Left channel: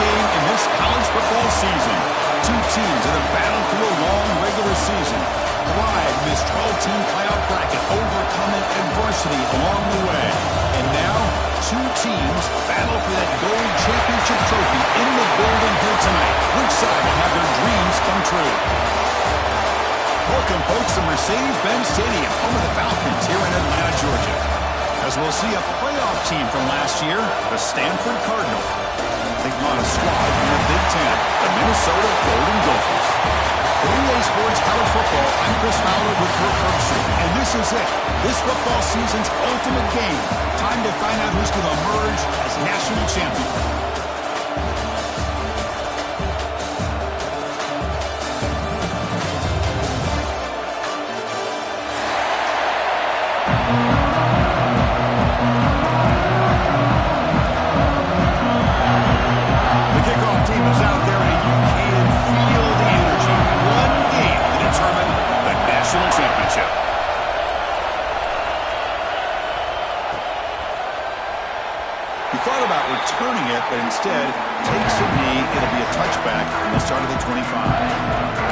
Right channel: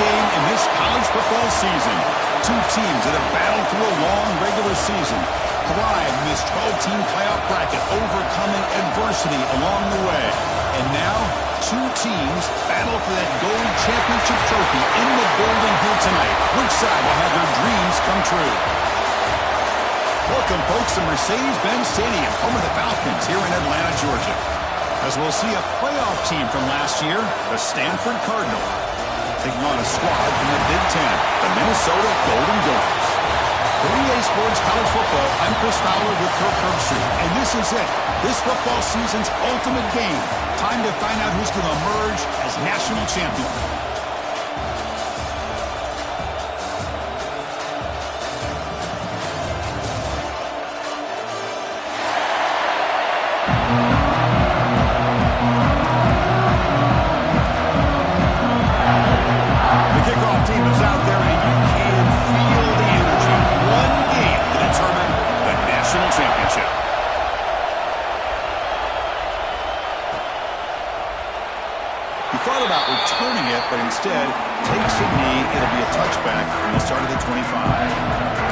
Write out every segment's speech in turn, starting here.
game in this college football season. Two teams that have battled through a long regular season, thrived in this 12-team playoff bracket, overcoming adversity along the way. And now, two teams battle for that gold championship trophy in the building here tonight. Which side will have their dreams come true? Welcome, folks, to Mercedes-Benz Stadium, home of the Falcons here in Atlanta, Georgia. As we'll see a playoff team from last year, the Stanford Cardinal, taking on a squad from the Big Ten, the Minnesota Golden Gophers. For BTA Sports College Football, I'm Chris Fowler with Kirk Herbstreit, and this is it. This football season's ultimate game. Time to find out who's going to emerge as national champion. Championship. He thought about returning it, but instead takes a knee. It'll be a touchback from the start of the 25.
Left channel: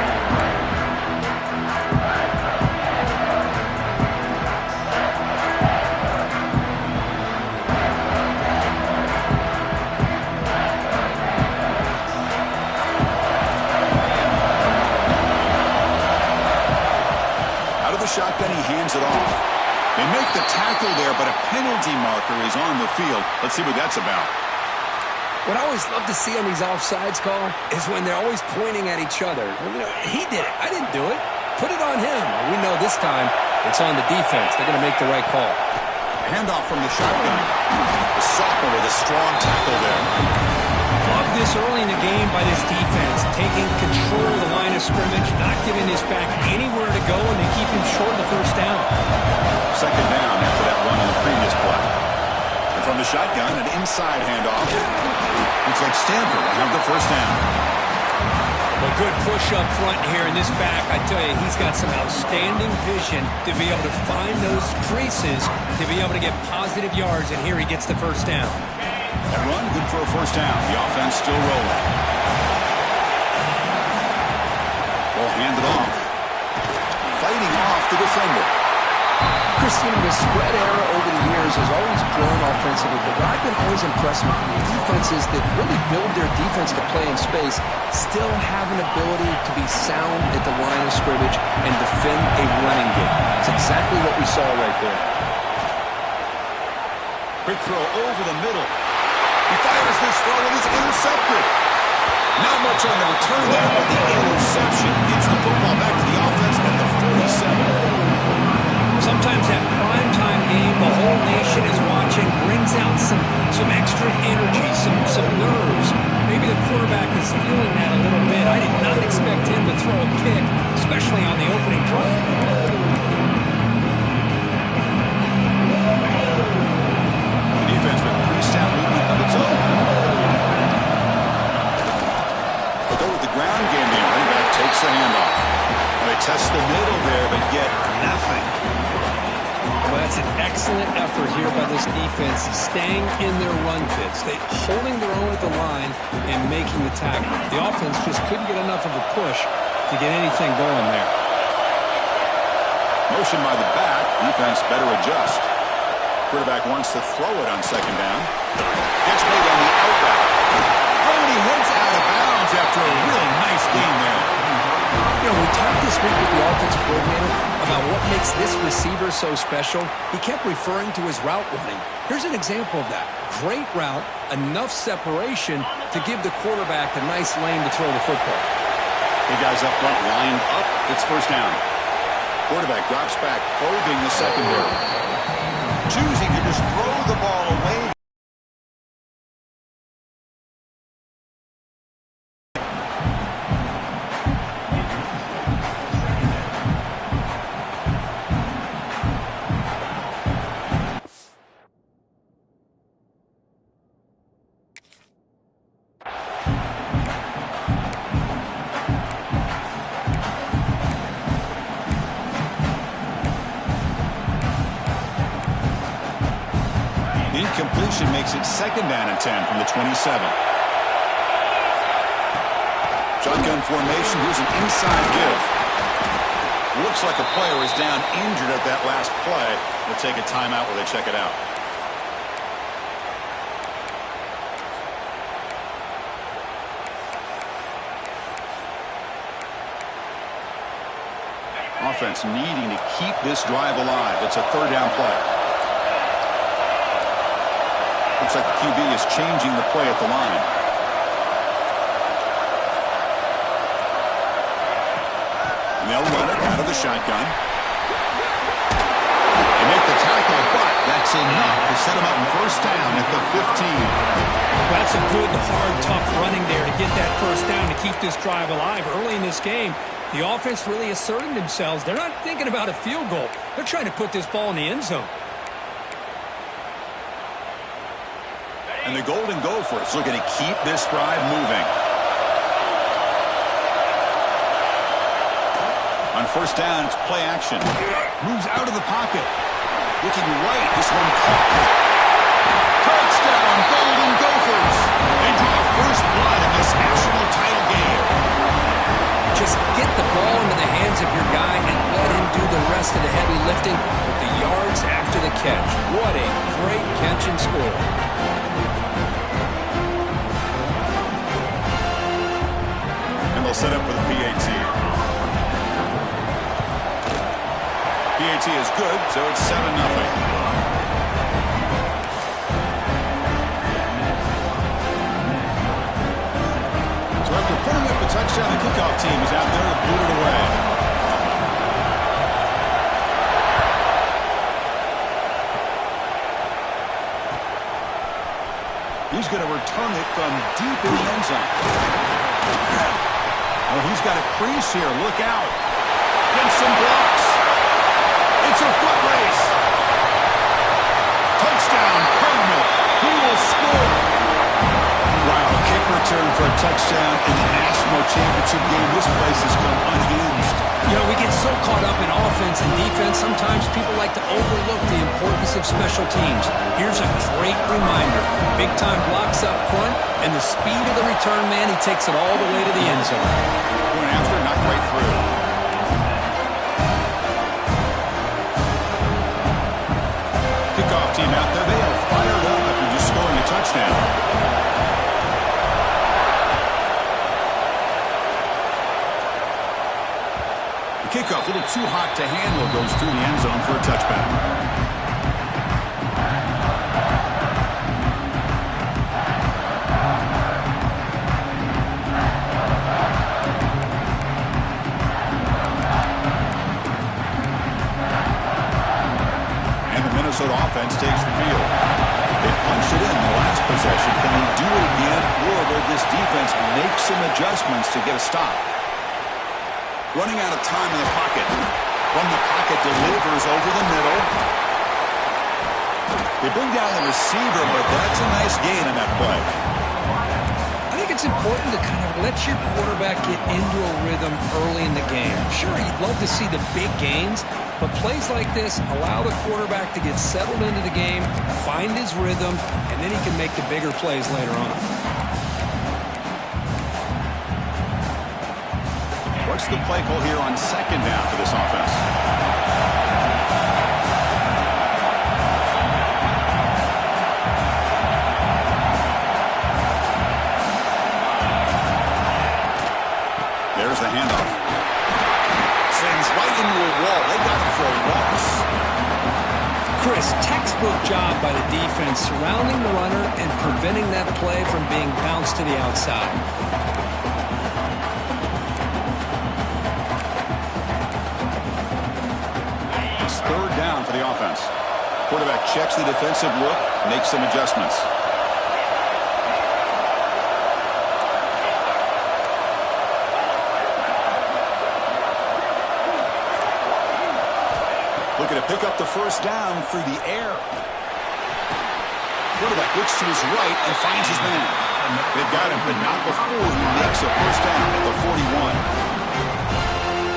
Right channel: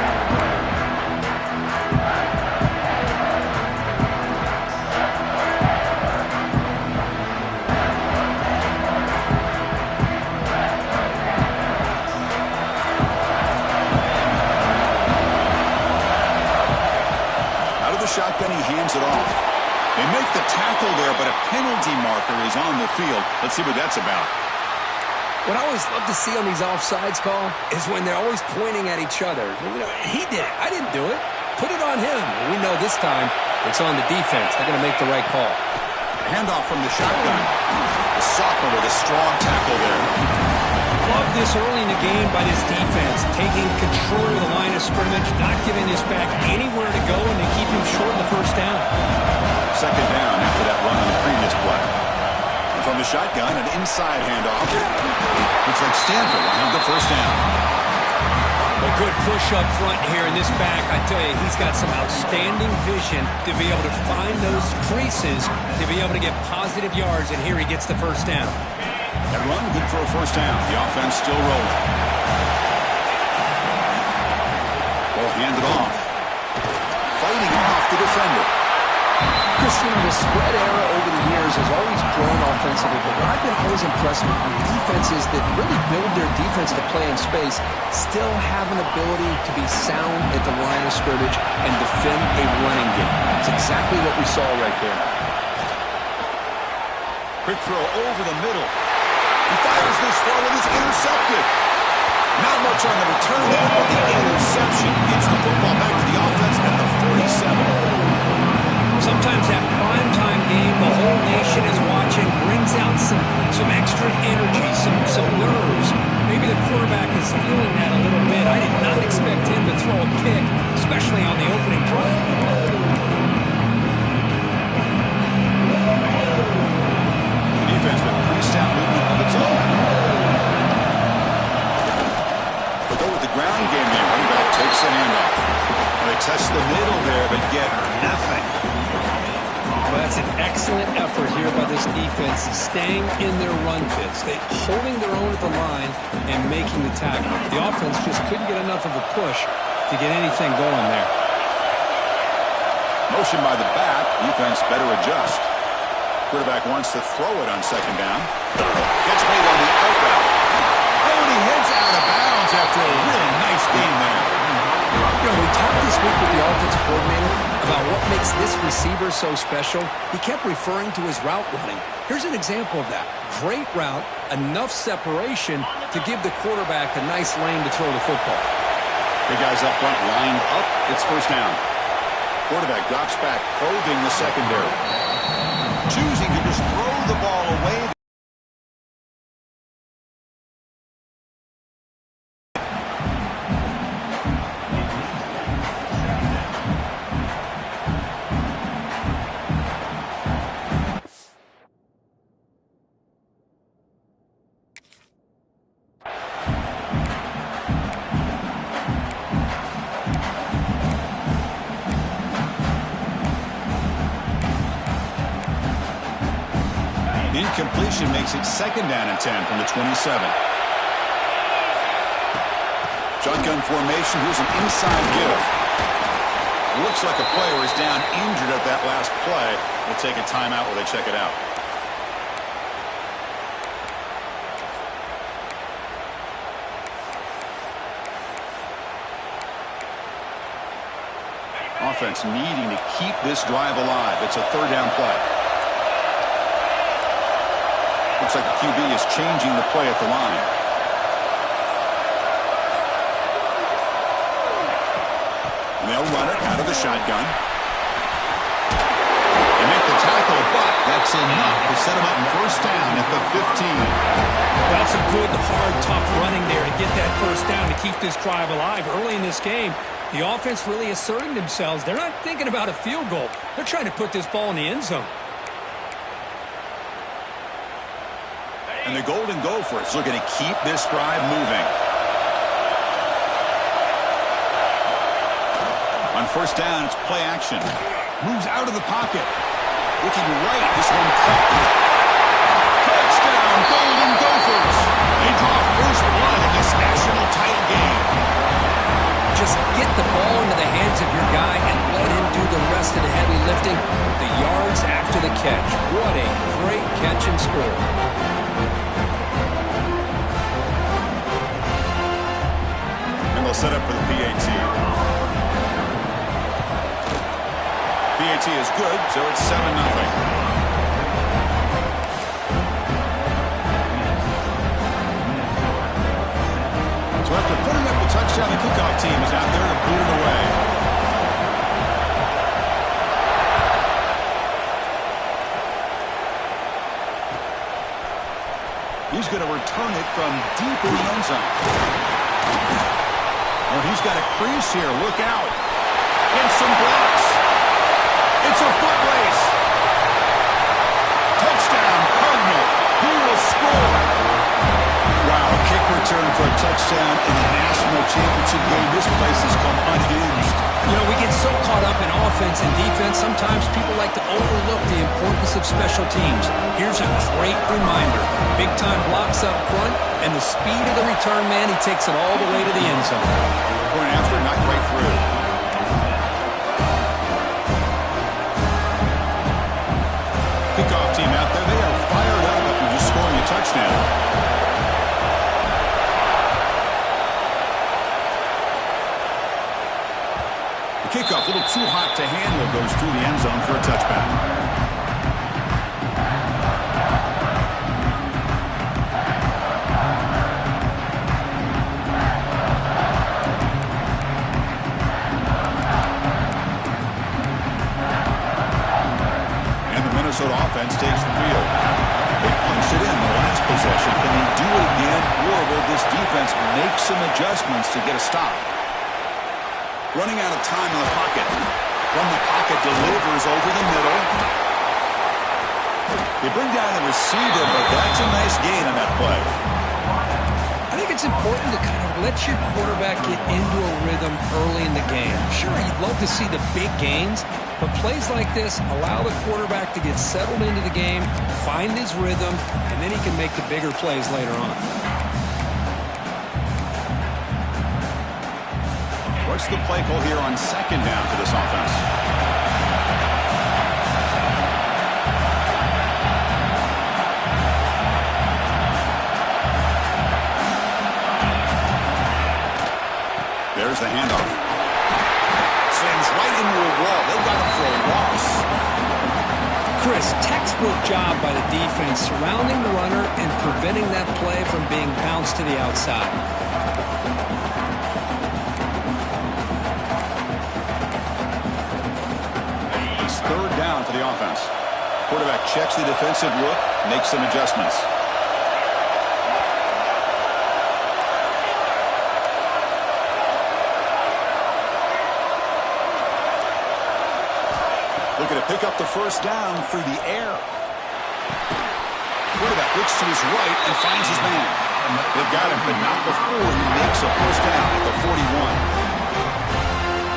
Shotgun, he hands it off. They make the tackle there, but a penalty marker is on the field. Let's see what that's about. What I always love to see on these offsides call is when they're always pointing at each other. You know, he did it. I didn't do it. Put it on him. We know this time it's on the defense. They're going to make the right call. Handoff from the shotgun. The sophomore with a strong tackle there. Love this early in the game by this defense, taking control of the line of scrimmage, not giving this back anywhere to go, and they keep him short of the first down. Second down after that run on the previous play. And from the shotgun, an inside handoff. Looks like Stanford will have the first down. Well, good push up front here in this back. I tell you, he's got some outstanding vision to be able to find those creases, to be able to get positive yards, and here he gets the first down. That run, good for a first down. The offense still rolling. Ball handed off. Fighting off the defender. Chris, you know, the spread era over the years has always grown offensively, but what I've been always impressed with defenses that really build their defense to play in space still have an ability to be sound at the line of scrimmage and defend a running game. It's exactly what we saw right there. Quick throw over the middle. He fires this throw and is intercepted. Not much on the return there, but the interception gets the football back to the offense at the 47. Sometimes that primetime game, the whole nation is watching, brings out some extra energy, some nerves. Maybe the quarterback is feeling that a little bit. I did not expect him to throw a pick, especially on the opening drive. Defense with pretty stout movement of its own. But go with the ground game there. Running back takes the handoff. They test the middle there, but get nothing. Well, that's an excellent effort here by this defense, staying in their run fits. They holding their own at the line and making the tackle. The offense just couldn't get enough of a push to get anything going there. Motion by the back. Defense better adjust. Quarterback wants to throw it on second down. Gets made on the out route. Oh, and he heads out of bounds after a real nice gain there. You know, we talked this week with the offensive coordinator about what makes this receiver so special. He kept referring to his route running. Here's an example of that. Great route, enough separation to give the quarterback a nice lane to throw the football. The guys up front lined up. It's first down. Quarterback drops back, probing the secondary. Choosing to just throw the ball away. Incompletion makes it second down and 10 from the 27. Shotgun formation. Here's an inside give. Looks like a player is down injured at that last play. They'll take a timeout while they check it out. Offense needing to keep this drive alive. It's a third down play. Looks like the QB is changing the play at the line. And they'll run it out of the shotgun. They make the tackle, but that's enough to set them up in first down at the 15. Well, that's a good, hard, tough running there to get that first down to keep this drive alive. Early in this game, the offense really asserting themselves. They're not thinking about a field goal. They're trying to put this ball in the end zone. And the Golden Gophers looking to keep this drive moving. On first down, it's play action. Moves out of the pocket. Looking right, this one caught. Touchdown, Golden Gophers. They draw first blood in this national title game. Just get the ball into the hands of your guy and let him do the rest of the heavy lifting with the yards after the catch. What a great catch and score. And they'll set up for the PAT. PAT is good, so it's 7-0. So after putting up the touchdown, the kickoff team is out there to boot it away. He's going to return it from deep in the end zone. Oh, he's got a crease here. Look out. Gets some blocks. It's a foot race. Touchdown, Cardinal. He will score. Wow, kick return for a touchdown in the national championship game. This place has come unhinged. You know, we get so caught up in offense and defense, sometimes people like to overlook the importance of special teams. Here's a great reminder. Big-time blocks up front, and the speed of the return man, he takes it all the way to the end zone. Point after, knocked right through. Kickoff team out there, they are fired up after just scoring a touchdown. The kickoff, a little too hot to handle, goes through the end zone for a touchback. Minnesota offense takes the field. They punched it in the last possession. Can they do it again, or will this defense make some adjustments to get a stop? Running out of time in the pocket. From the pocket, delivers over the middle. They bring down the receiver, but that's a nice gain on that play. I think it's important to kind of let your quarterback get into a rhythm early in the game. Sure, you'd love to see the big gains, but plays like this allow the quarterback to get settled into the game, find his rhythm, and then he can make the bigger plays later on. What's the play call here on second down for this offense? There's the handoff. Slams right into a wall. They got him for a loss. Chris, textbook job by the defense surrounding the runner and preventing that play from being bounced to the outside. It's third down for the offense. Quarterback checks the defensive look, makes some adjustments. Looking to pick up the first down through the air. Quarterback looks to his right and finds his man. They've got him, but not before he makes a first down at the 41.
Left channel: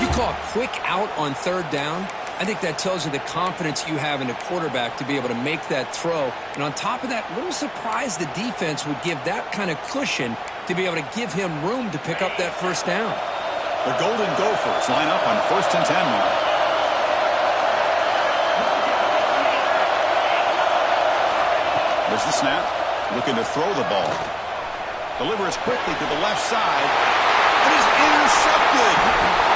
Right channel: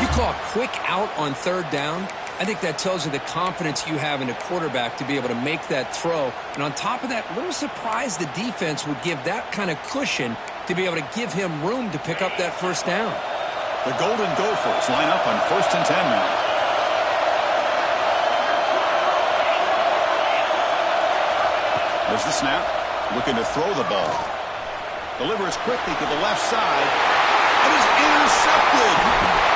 You call a quick out on third down, I think that tells you the confidence you have in a quarterback to be able to make that throw. And on top of that, a little surprised the defense would give that kind of cushion to be able to give him room to pick up that first down. The Golden Gophers line up on 1st and 10 now. There's the snap. Looking to throw the ball. Delivers quickly to the left side. And is intercepted.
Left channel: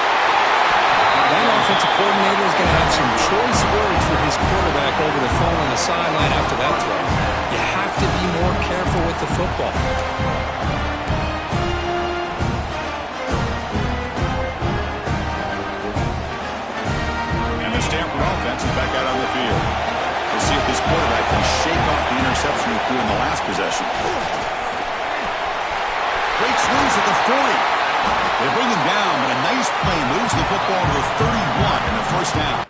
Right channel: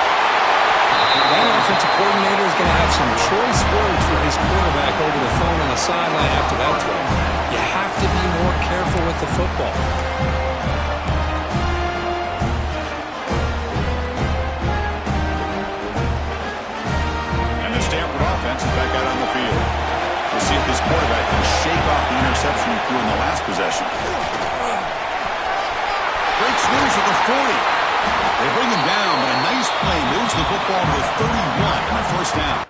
That offensive coordinator is going to have some choice words for his quarterback over the phone on the sideline after that throw. You have to be more careful with the football. And the Stanford offense is back out on the field. We'll see if this quarterback can shake off the interception he threw in the last possession. Breaks loose at the 40. They bring him down, but a nice play moves the football to the 31 and a first down.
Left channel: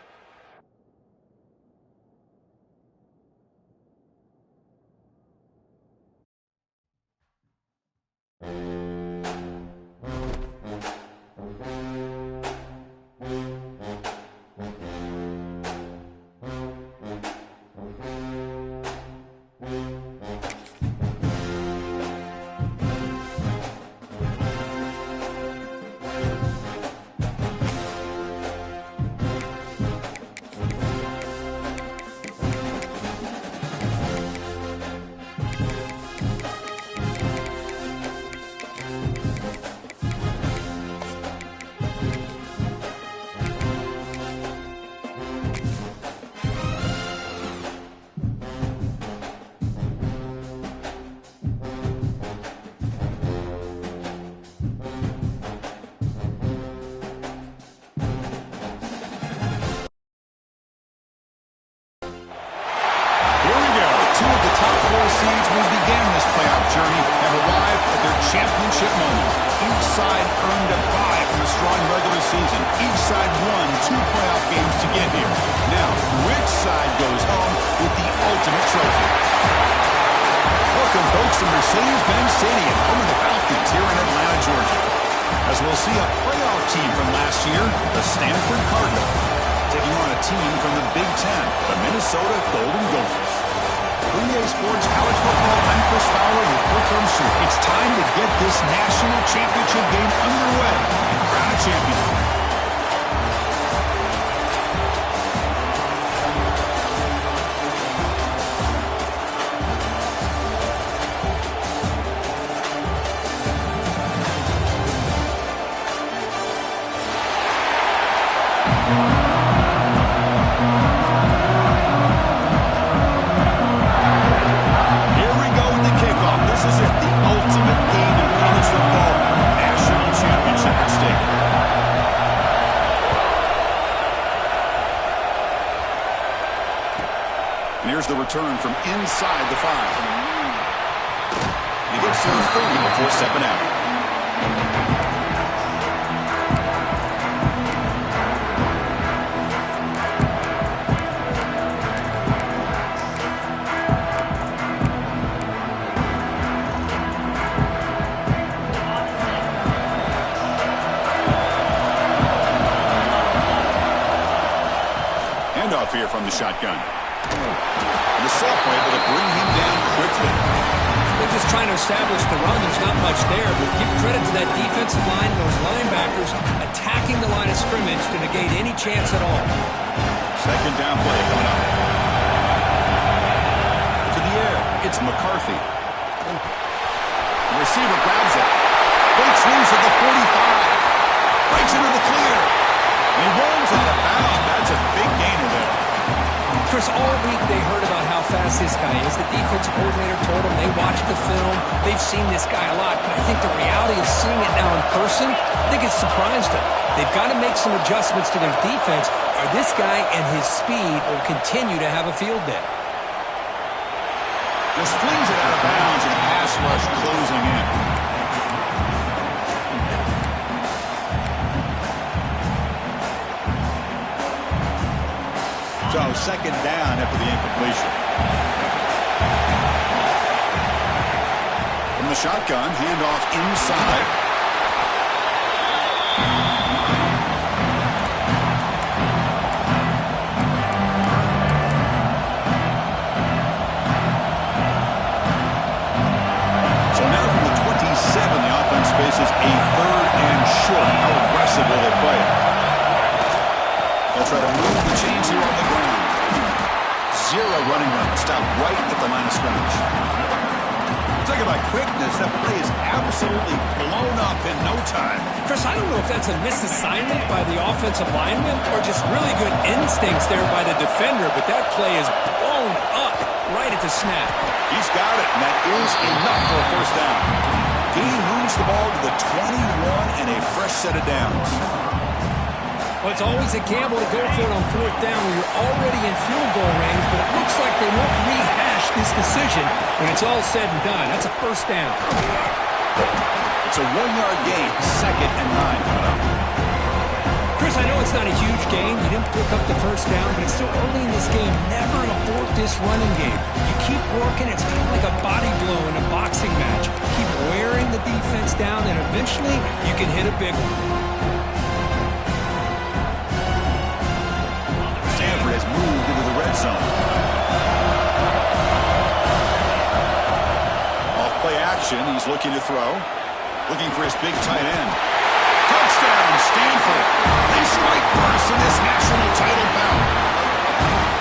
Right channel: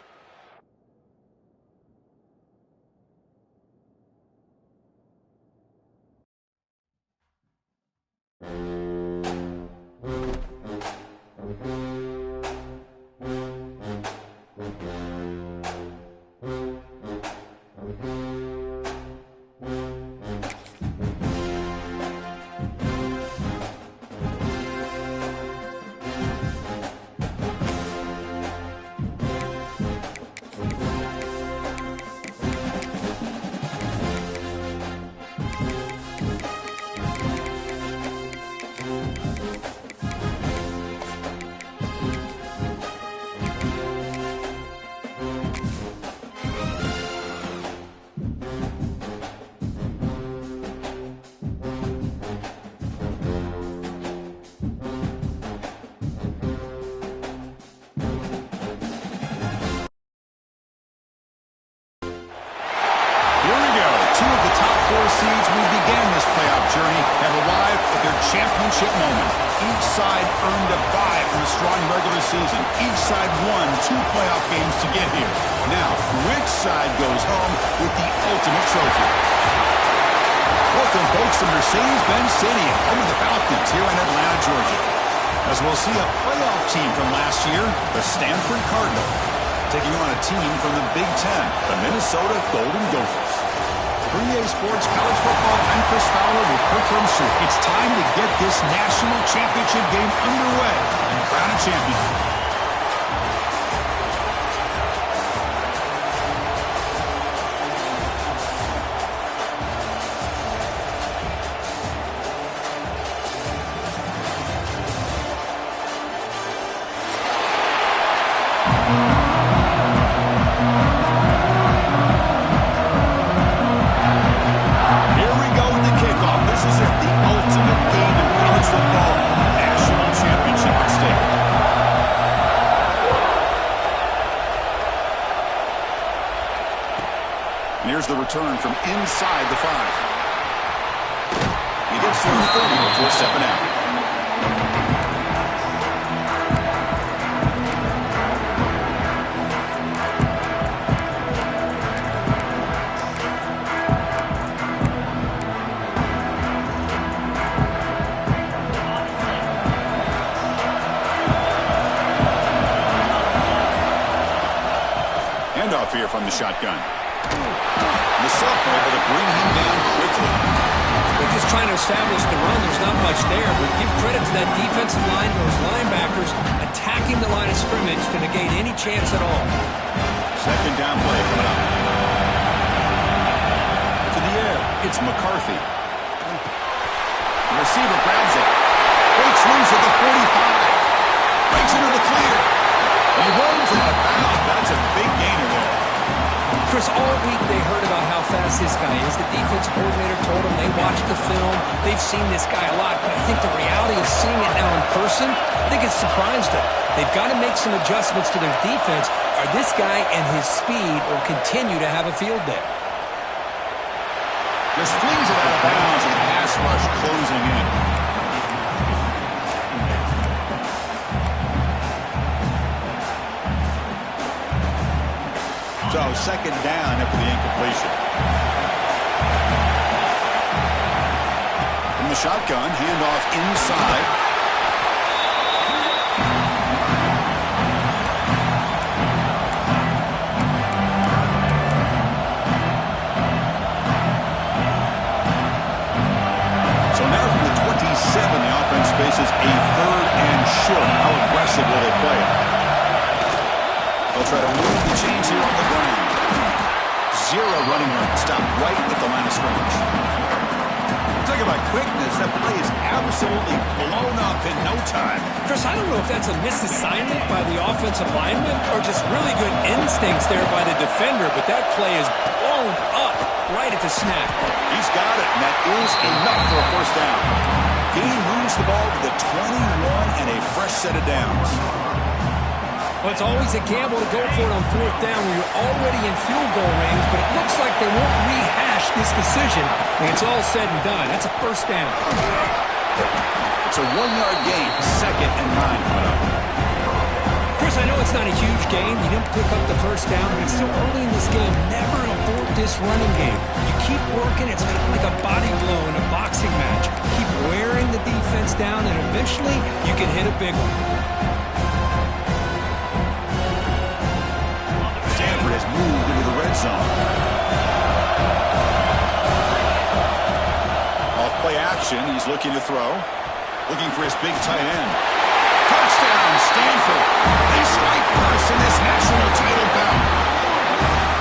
Seeds who began this playoff journey have arrived at their championship moment. Each side earned a bye from a strong regular season. Each side won 2 playoff games to get here. Now, which side goes home with the ultimate trophy? Welcome, folks, to Mercedes-Benz Stadium, home of the Falcons here in Atlanta, Georgia. As we'll see a playoff team from last year, the Stanford Cardinals, taking on a team from the Big Ten, the Minnesota Golden Gophers. BTA Sports College Football, I'm Chris Fowler with Kirk Herbstreit. It's time to get this national championship game underway and crown a champion. The return from inside the 5. He gets to the 30 before stepping out. Handoff here from the shotgun. The sophomore able to bring him down quickly. They're just trying to establish the run. There's not much there, but give credit to that defensive line, those linebackers attacking the line of scrimmage to negate any chance at all. Second down play coming up. To the air, it's McCarthy. The receiver grabs it. Breaks loose at the 45. Breaks into the clear. And he runs out of bounds. That's a big gainer there. Chris, all week they heard about how fast this guy is. The defensive coordinator told them they watched the film. They've seen this guy a lot, but I think the reality of seeing it now in person, I think it's surprised them. They've got to make some adjustments to their defense, or this guy and his speed will continue to have a field day. Just flings it out of bounds and pass rush closing in. So second down after the incompletion. From the shotgun, handoff inside. faces a 3rd and short. How aggressive will they play it? They'll try to move the chains here on the ground. 0 running room. Stop right at the line of scrimmage. Talking about quickness, that play is absolutely blown up in no time. Chris, I don't know if that's a misassignment by the offensive lineman or just really good instincts there by the defender, but that play is blown up right at the snap. He's got it, and that is enough for a first down. Gain moves the ball to the 21 and a fresh set of downs. Well, it's always a gamble to go for it on 4th down when you're already in field goal range, but it looks like they won't rehash this decision when it's all said and done. That's a first down. It's a 1-yard gain, 2nd and 9 coming up. Chris, I know it's not a huge gain. You didn't pick up the first down, but it's still early in this game. Never abort this running game. You keep working. It's kind of like a body blow in a boxing match. Keep wearing the defense down, and eventually you can hit a big one. Stanford has moved into the red zone. Off play action, he's looking to throw. Looking for his big tight end. Touchdown, Stanford. They strike first in this national title bout.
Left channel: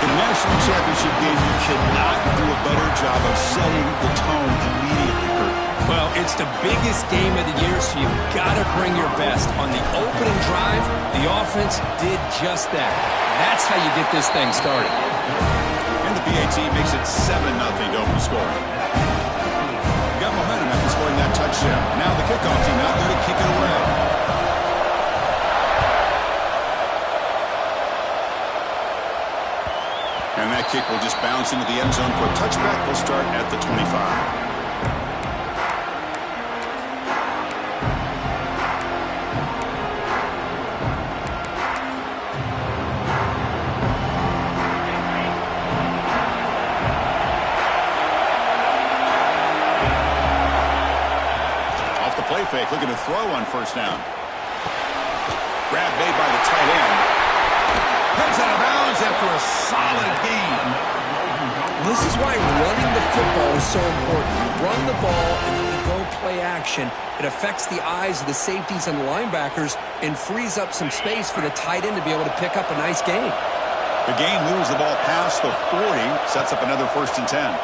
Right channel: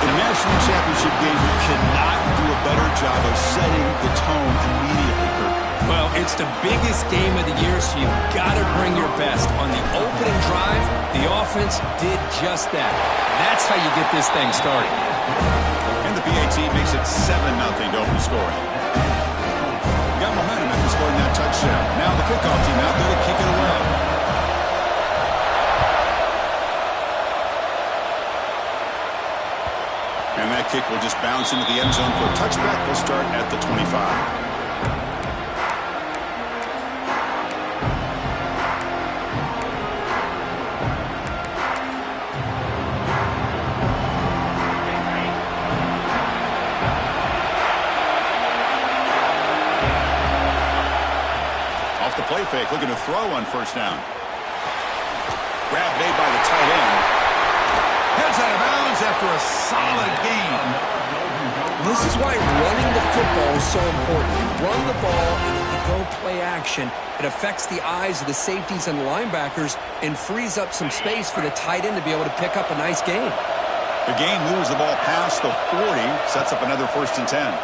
In a national championship game, you cannot do a better job of setting the tone immediately, Kurt. Well, it's the biggest game of the year, so you've got to bring your best. On the opening drive, the offense did just that. That's how you get this thing started. And the BAT makes it 7-0 to open scoring. Got momentum after scoring that touchdown. Now the kickoff team out there to kick it away. And that kick will just bounce into the end zone for a touchback. They'll start at the 25. Play fake, looking to throw on first down. Grab made by the tight end. Heads out of bounds after a solid gain. This is why running the football is so important. You run the ball and then you go play action. It affects the eyes of the safeties and the linebackers and frees up some space for the tight end to be able to pick up a nice gain. The gain moves the ball past the 40, sets up another 1st and 10.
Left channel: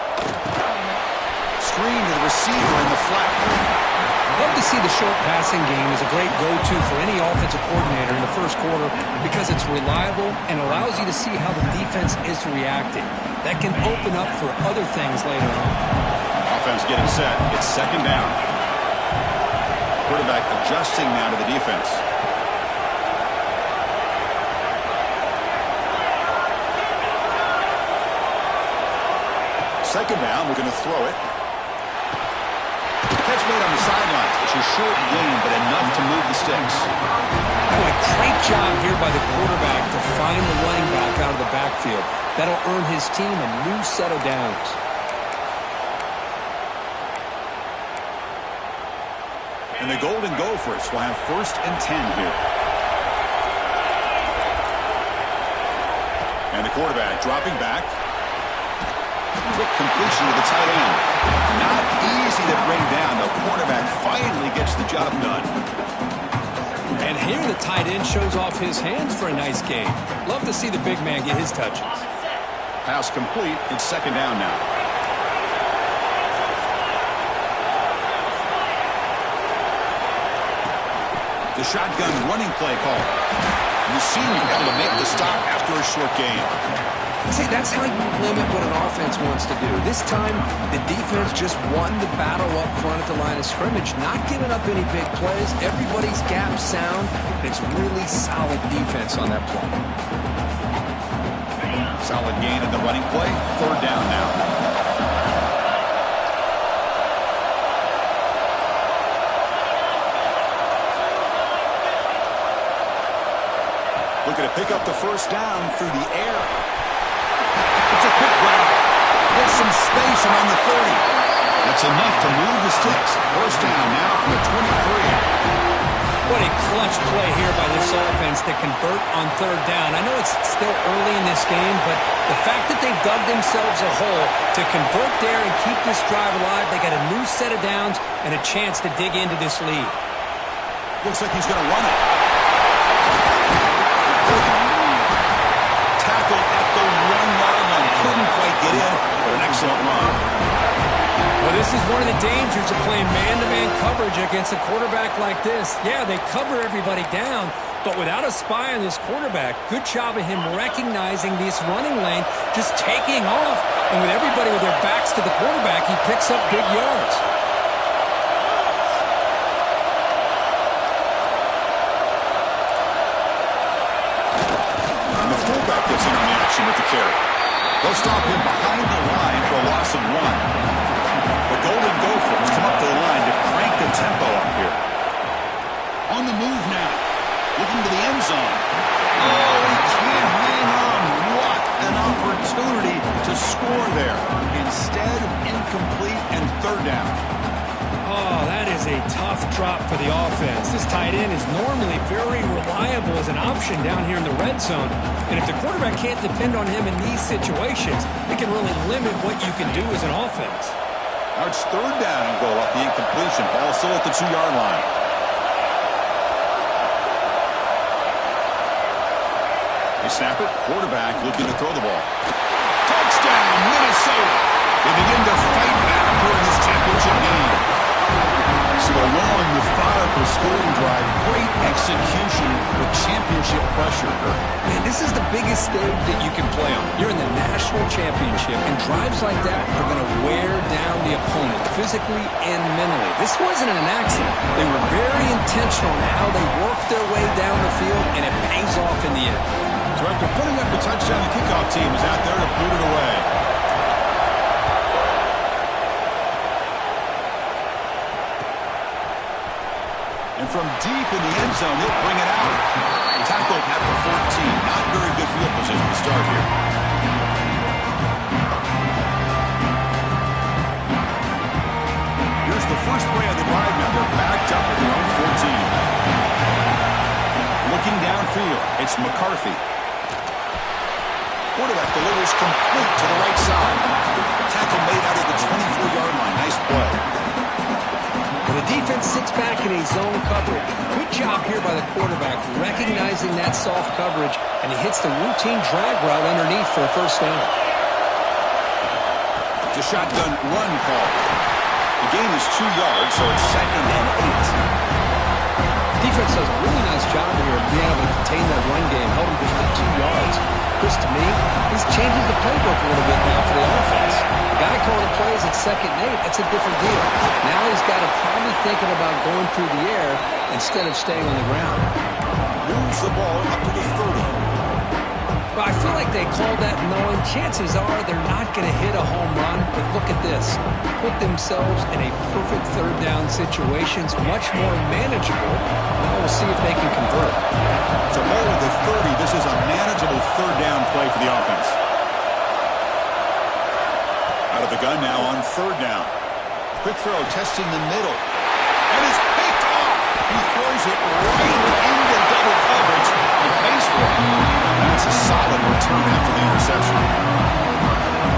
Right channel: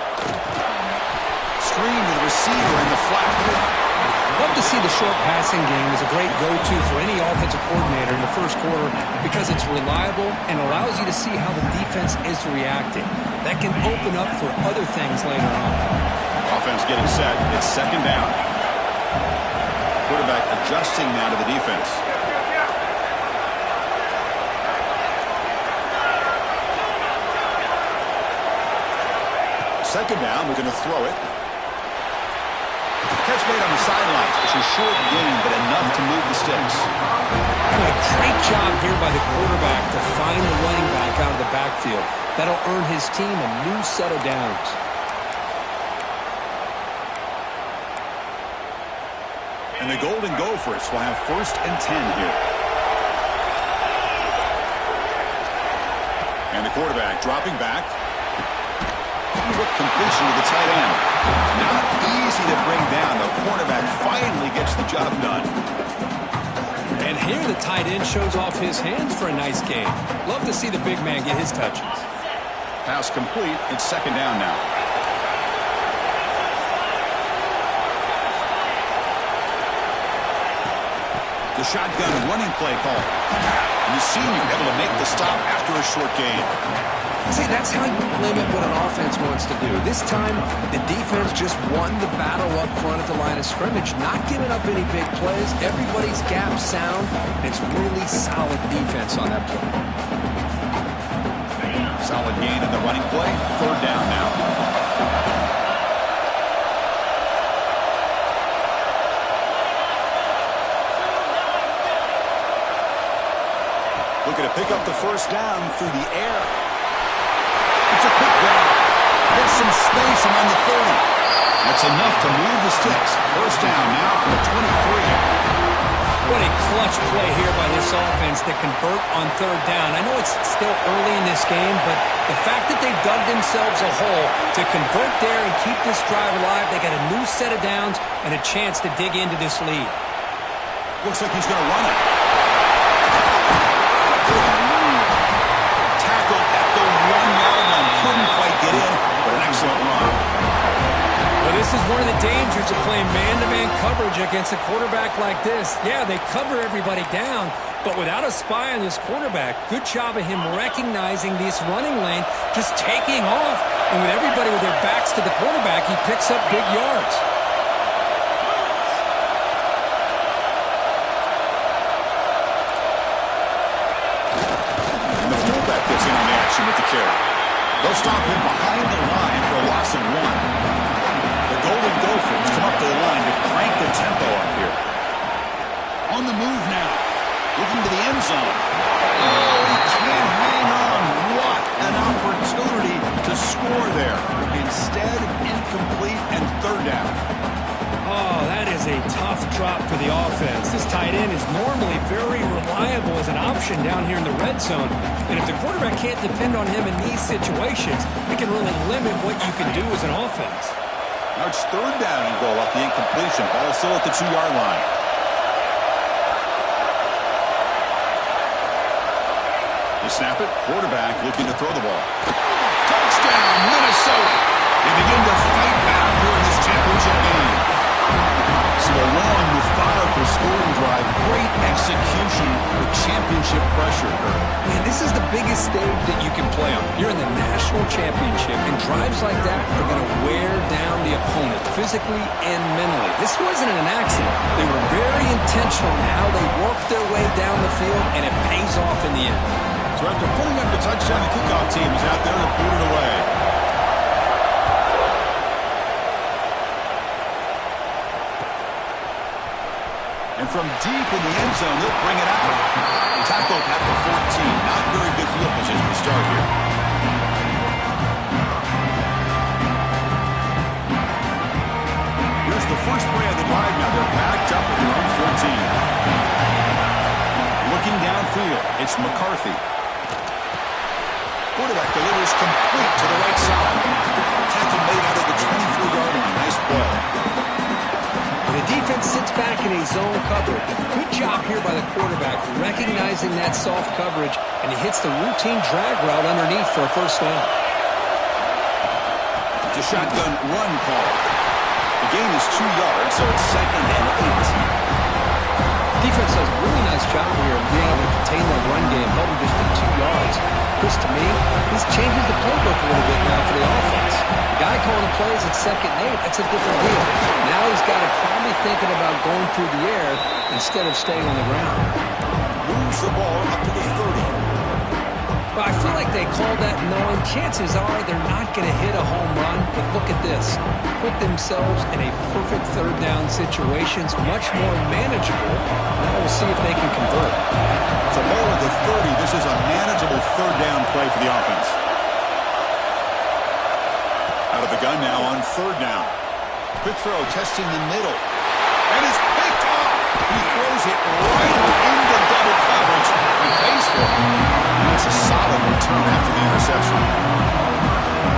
Screen to the receiver in the flat. Love to see the short passing game as a great go-to for any offensive coordinator in the first quarter because it's reliable and allows you to see how the defense is reacting. That can open up for other things later on. Offense getting set. It's 2nd down. Quarterback adjusting now to the defense. Second down, we're going to throw it. Catch made on the sidelines. It's a short gain, but enough to move the sticks. Boy, great job here by the quarterback to find the running back out of the backfield. That'll earn his team a new set of downs. And the Golden Gophers will have 1st and 10 here. And the quarterback dropping back. Quick completion to the tight end. Not easy to bring down. The cornerback finally gets the job done. And here the tight end shows off his hands for a nice gain. Love to see the big man get his touches. Pass complete. It's 2nd down now. The shotgun running play call. And the senior able to make the stop after a short gain. See, that's how you limit what an offense wants to do. This time, the defense just won the battle up front at the line of scrimmage, not giving up any big plays. Everybody's gap sound. It's really solid defense on that play. Solid gain in the running play. 3rd down now. Looking to pick up the first down through the air. It's a quick grab. Gets some space around the 30. That's enough to move the sticks. First down now from the 23. What a clutch play here by this offense to convert on third down. I know it's still early in this game, but the fact that they've dug themselves a hole to convert there and keep this drive alive, they got a new set of downs and a chance to dig into this lead. Looks like he's going to run it. Tackled at the 1-yard line. Couldn't quite get in, but an excellent run. Well, this is one of the dangers of playing man-to-man coverage against a quarterback like this. Yeah, they cover everybody down, but without a spy on this quarterback, good job of him recognizing this running lane, just taking off, and with everybody with their backs to the quarterback, he picks up big yards. And the fullback gets in on the action with the carry. They'll stop him behind the line for a loss of 1. The Golden Gophers come up to the line to crank the tempo up here. On the move now. Looking to the end zone. Oh, he can't hang on. What an opportunity to score there. Instead, incomplete and third down. Oh, that is a tough drop for the offense. This tight end is normally very reliable as an option down here in the red zone. And if the quarterback can't depend on him in these situations, it can really limit what you can do as an offense. Now it's third down and goal off the incompletion. Ball still at the 2-yard line. They snap it. Quarterback looking to throw the ball. Touchdown, Minnesota. They begin to fight back here in this championship game. So a long, methodical scoring drive. Great execution with championship pressure. Man, this is the biggest stage that you can play on. You're in the national championship, and drives like that are going to wear down the opponent physically and mentally. This wasn't an accident. They were very intentional in how they worked their way down the field, and it pays off in the end. So after putting up the touchdown, the kickoff team is out there to boot it away. And from deep in the end zone, he'll bring it out. Tackled at the 14. Not very good field position to start here. Here's the first play of the drive now. They're backed up at their own 14. Looking downfield, it's McCarthy. Quarterback delivers complete to the right side. Tackle made out of the 24-yard line. Nice play. The defense sits back in a zone coverage. Good job here by the quarterback, recognizing that soft coverage, and he hits the routine drag route underneath for a first down. It's a shotgun run call. The gain is 2 yards, so it's 2nd and 8. Defense does a really nice job here of being able to contain that run game, held him just at 2 yards. Chris, to me, this changes the playbook a little bit now for the offense. The guy calling the plays at 2nd and 8, that's a different deal. Now he's got to probably thinking about going through the air instead of staying on the ground. Moves the ball up to the 30. Well, I feel like they called that knowing chances are they're not going to hit a home run, but look at this. Put themselves in a perfect third down situation. It's much more manageable. Now we'll see if they can convert. So ball at the 30. This is a manageable third down play for the offense. Out of the gun now on third down. Quick throw, testing the middle. And it's picked off. He throws it right into double coverage and pays for it. And that's a solid return after the interception.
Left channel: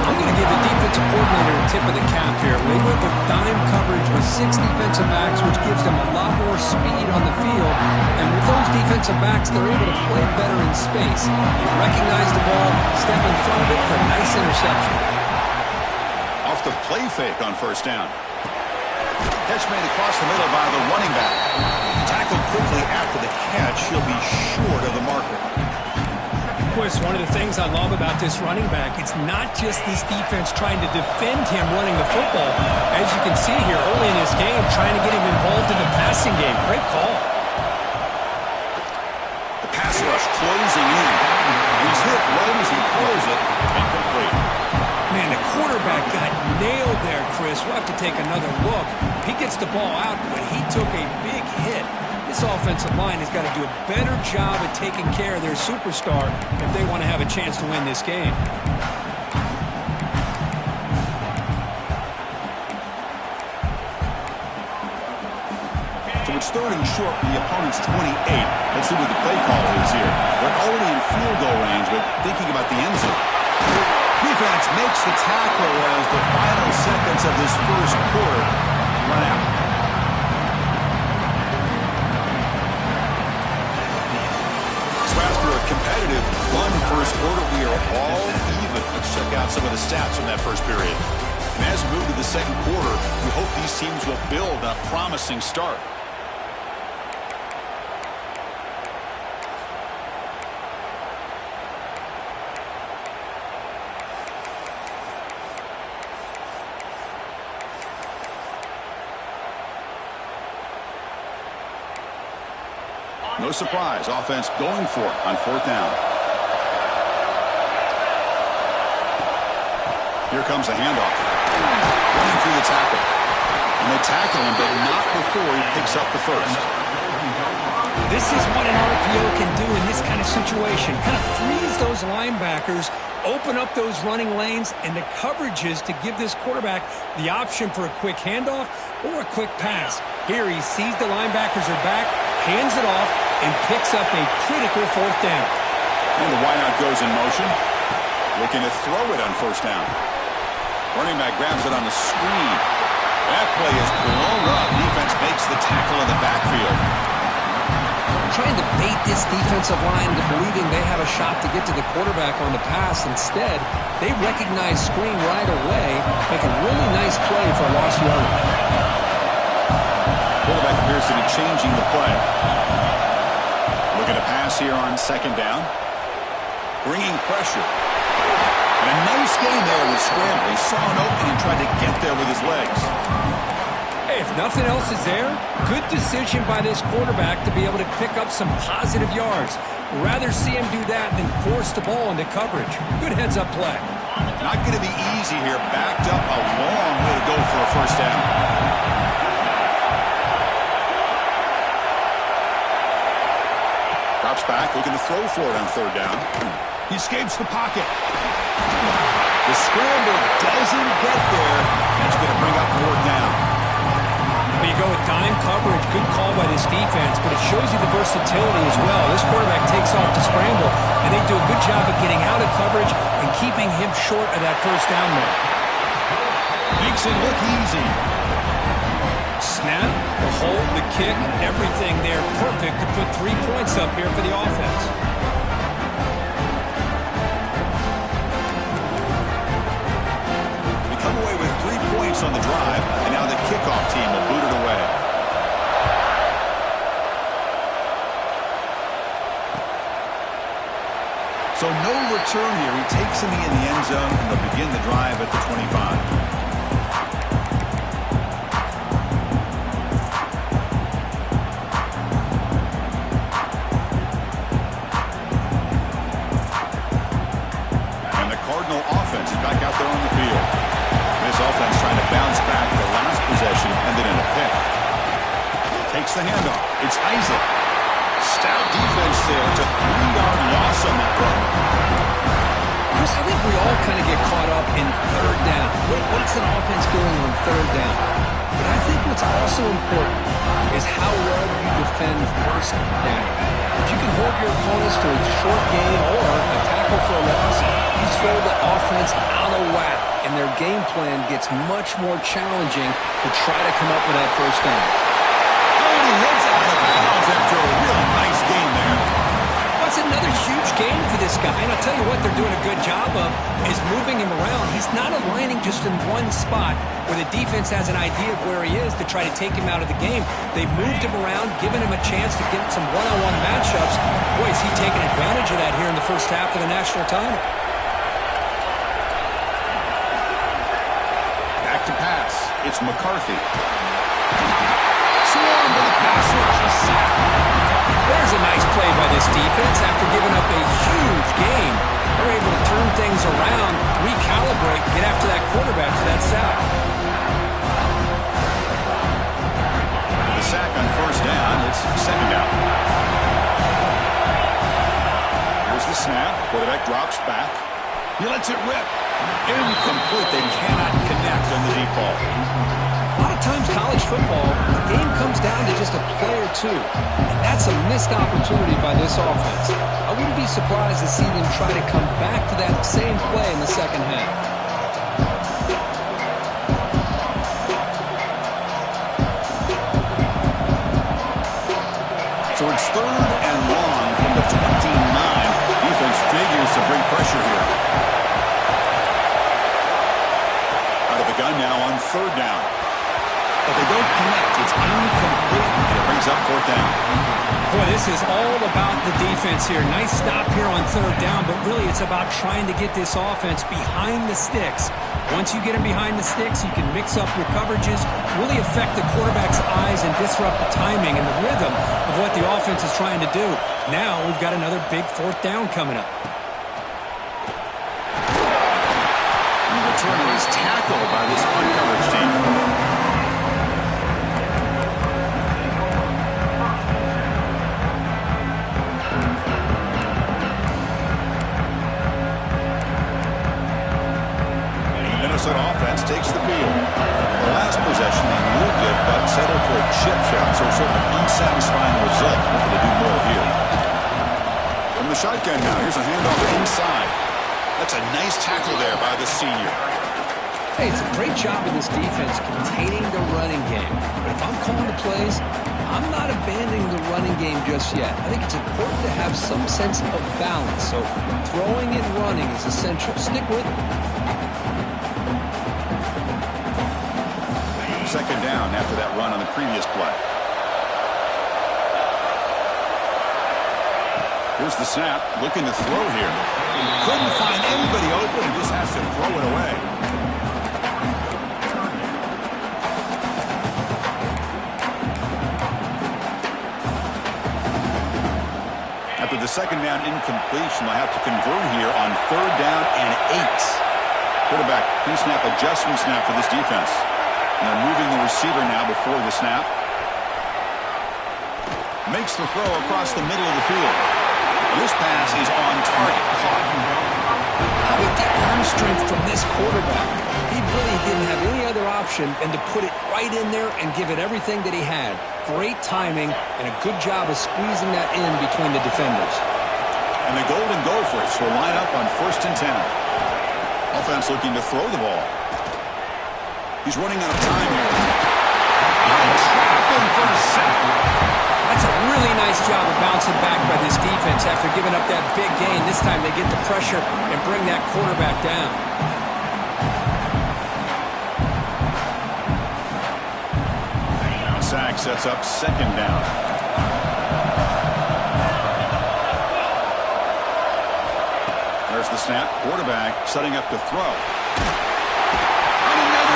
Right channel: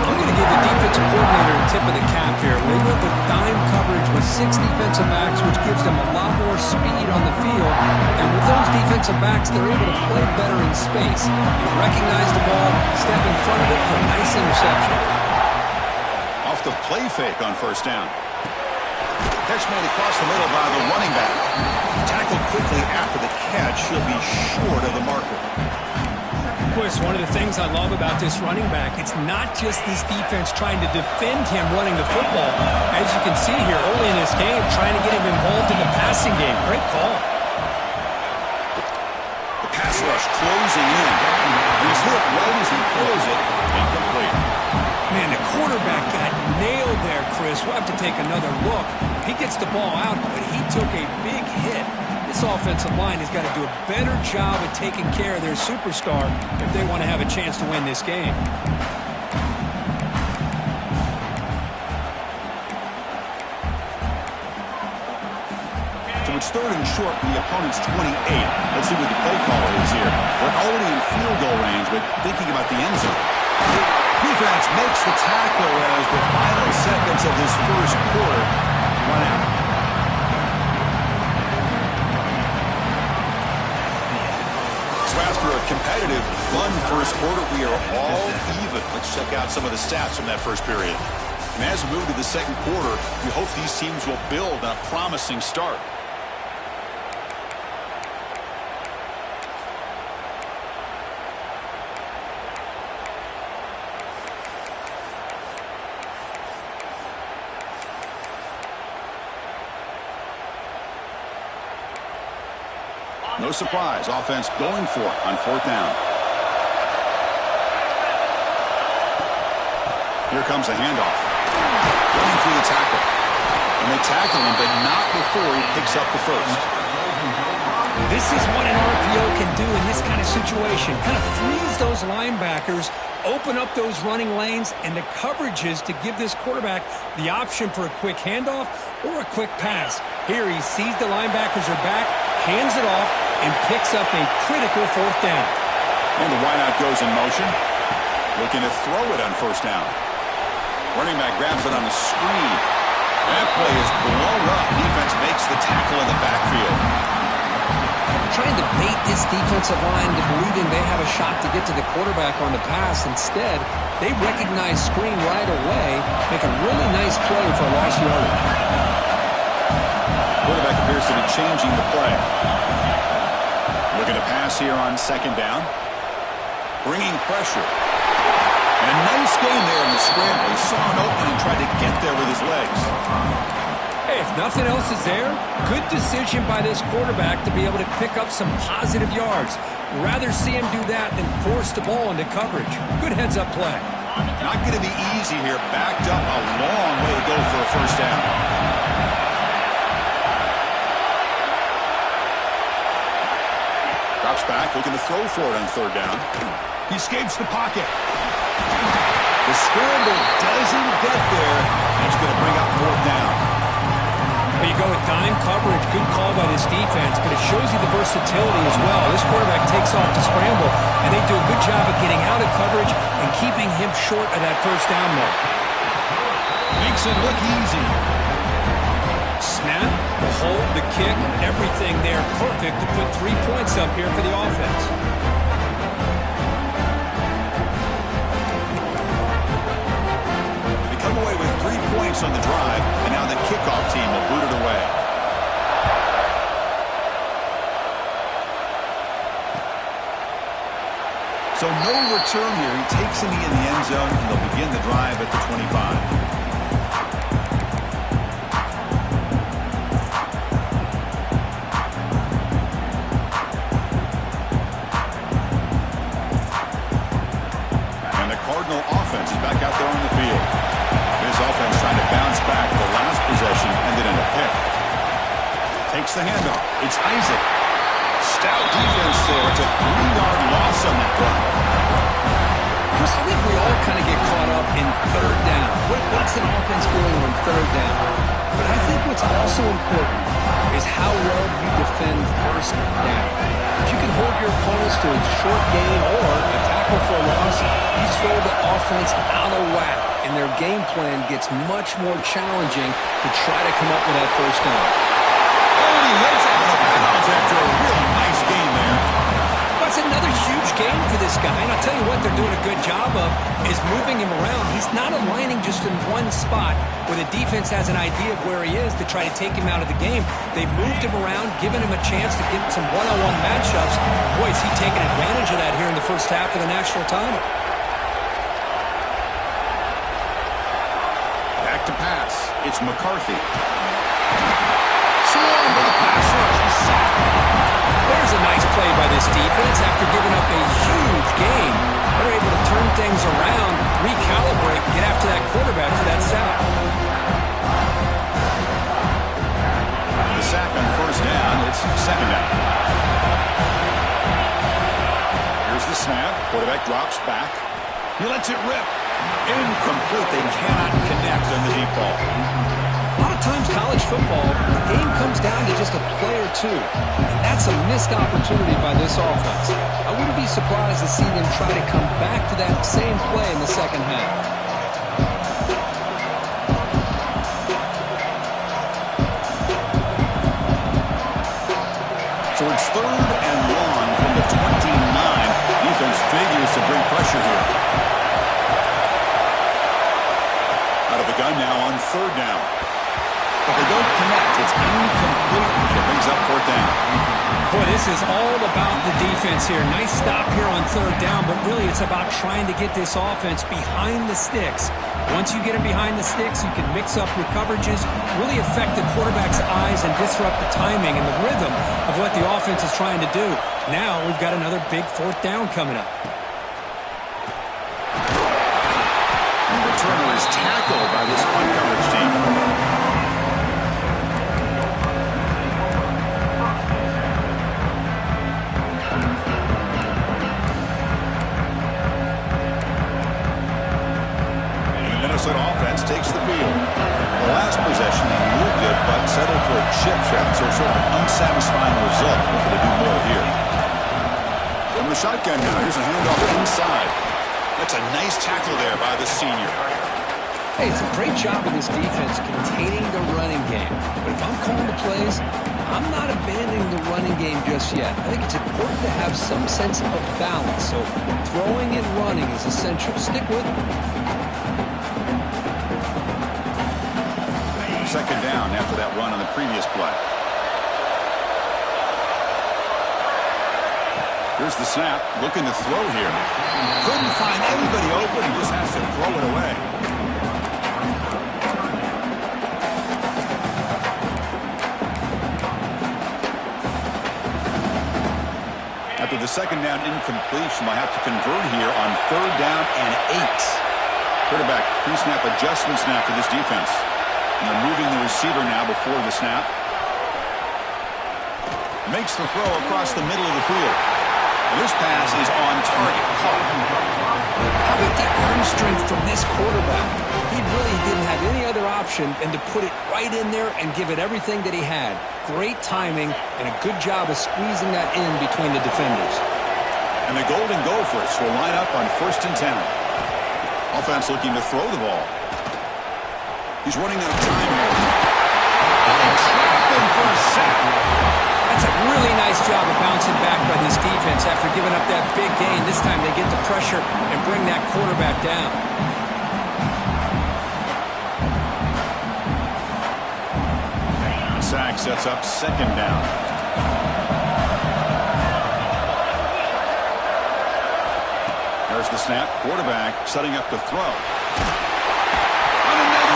I'm going to give the defensive coordinator a tip of the cap here. They went with dime coverage with 6 defensive backs, which gives them a lot more speed on the field. And with those defensive backs, they're able to play better in space. They recognize the ball, step in front of it for a nice interception. Off the play fake on first down. Catch made across the middle by the running back. Tackled quickly after the catch. He'll be short of the marker. Chris, one of the things I love about this running back, it's not just this defense trying to defend him running the football. As you can see here early in this game, trying to get him involved in the passing game. Great call. The pass rush closing in. He's hit right as he throws it. Incomplete. Man, the quarterback got nailed there, Chris. We'll have to take another look. He gets the ball out, but he took a big hit. This offensive line has got to do a better job at taking care of their superstar if they want to have a chance to win this game. So it's 3rd and short from the opponent's 28. Let's see what the play call is here. They're already in field goal range, but thinking about the end zone. Defense makes the tackle as the final seconds of this first quarter run out. So after a competitive, fun first quarter, we are all even. Let's check out some of the stats from that first period. And as we move to the second quarter, we hope these teams will build on a promising start. No surprise, offense going for it on 4th down. Here comes the handoff. Running through the tackle. And they tackle him, but not before he picks up the first. This is what an RPO can do in this kind of situation. Kind of freeze those linebackers, open up those running lanes, and the coverages to give this quarterback the option for a quick handoff or a quick pass. Here he sees the linebackers are back, hands it off, and picks up a critical 4th down. And the wideout goes in motion. Looking to throw it on 1st down. Running back grabs it on the screen. That play is blown up. Defense makes the tackle in the backfield. Trying to bait this defensive line to believing they have a shot to get to the quarterback on the pass. Instead, they recognize screen right away, make a really nice play for a lost yardage. Quarterback appears to be changing the play. Looking to pass here on 2nd down. Bringing pressure. And a nice game there in the scramble. He saw an opening and tried to get there with his legs. Hey, if nothing else is there, good decision by this quarterback to be able to pick up some positive yards. Rather see him do that than force the ball into coverage. Good heads-up play. Not going to be easy here. Backed up a long way to go for a 1st down. Drops back, looking to throw for it on 3rd down. He escapes the pocket. The scramble doesn't get there. That's going to bring up 4th down. Well, you go with dime coverage. Good call by this defense, but it shows you the versatility as well. This quarterback takes off the scramble, and they do a good job of getting out of coverage and keeping him short of that 1st down mark. Makes it look easy. Snap, the hold, the kick, everything there perfect to put 3 points up here for the offense. They come away with 3 points on the drive, and now the kickoff team will boot it away. So no return here. He takes it in the end zone, and they'll begin the drive at the 25. Offense is back out there on the field. This offense trying to bounce back. The last possession ended in a pick. Takes the handoff. It's Isaac. Stout defense there. It's a 3-yard loss on that run. Chris, I think we all kind of get caught up in 3rd down. What's an offense doing on 3rd down? But I think what's also important is how well you defend 1st down. If you can hold your opponents to a short gain or a tackle for a loss, you throw the offense out of whack, and their game plan gets much more challenging to try to come up with that 1st down. Oh, and he heads out of bounds after a really nice game there. That's another huge game for this guy, and I'll tell you what they're doing a good job of is moving him around. He's not aligning just in one spot where the defense has an idea of where he is to try to take him out of the game. They've moved him around, given him a chance to get some one-on-one matchups. Boy, is he taking advantage of that here in the first half of the national title. Back to pass. It's McCarthy. Swarm with a pass rush. A sack. There's a nice play by this defense. After giving up a huge gain, they're able to turn things around, recalibrate, and get after that quarterback for that sack. The sack on 1st down. It's 2nd down. Here's the snap. Quarterback drops back. He lets it rip. Incomplete. They cannot connect on the deep ball. A lot of times college football, the game comes down to just a play or two. And that's a missed opportunity by this offense. I wouldn't be surprised to see them try to come back to that same play in the second half. So it's 3rd and long from the 29. Defense figures to bring pressure here. Out of the gun now on 3rd down. But they don't connect. It's incomplete, and it brings up 4th down. Boy, this is all about the defense here. Nice stop here on 3rd down, but really it's about trying to get this offense behind the sticks. Once you get them behind the sticks, you can mix up your coverages, really affect the quarterback's eyes and disrupt the timing and the rhythm of what the offense is trying to do. Now we've got another big 4th down coming up. And the returner is tackled by this punt coverage team. Minnesota offense takes the field. The last possession, they moved it, but settled for a chip shot, so sort of an unsatisfying result. Looking to do more here. From the shotgun now, here's a handoff inside. That's a nice tackle there by the senior. Hey, it's a great job of this defense containing the running game. But if I'm calling the plays, I'm not abandoning the running game just yet. I think it's important to have some sense of balance. So throwing and running is essential. Stick with it. 2nd down after that run on the previous play. Here's the snap, looking to throw here. Couldn't find anybody open and just has to throw it away. After the 2nd down incompletion, they'll have to convert here on 3rd down and 8. Quarterback pre-snap adjustment snap for this defense. And they're moving the receiver now before the snap. Makes the throw across the middle of the field. And this pass is on target. Caught. How about the arm strength from this quarterback? He really didn't have any other option than to put it right in there and give it everything that he had. Great timing and a good job of squeezing that in between the defenders. And the Golden Gophers will line up on 1st and 10. Offense looking to throw the ball. He's running out of time here. They trap him for a sack. That's a really nice job of bouncing back by this defense after giving up that big gain. This time they get the pressure and bring that quarterback down. The sack sets up 2nd down. There's the snap. Quarterback setting up to throw.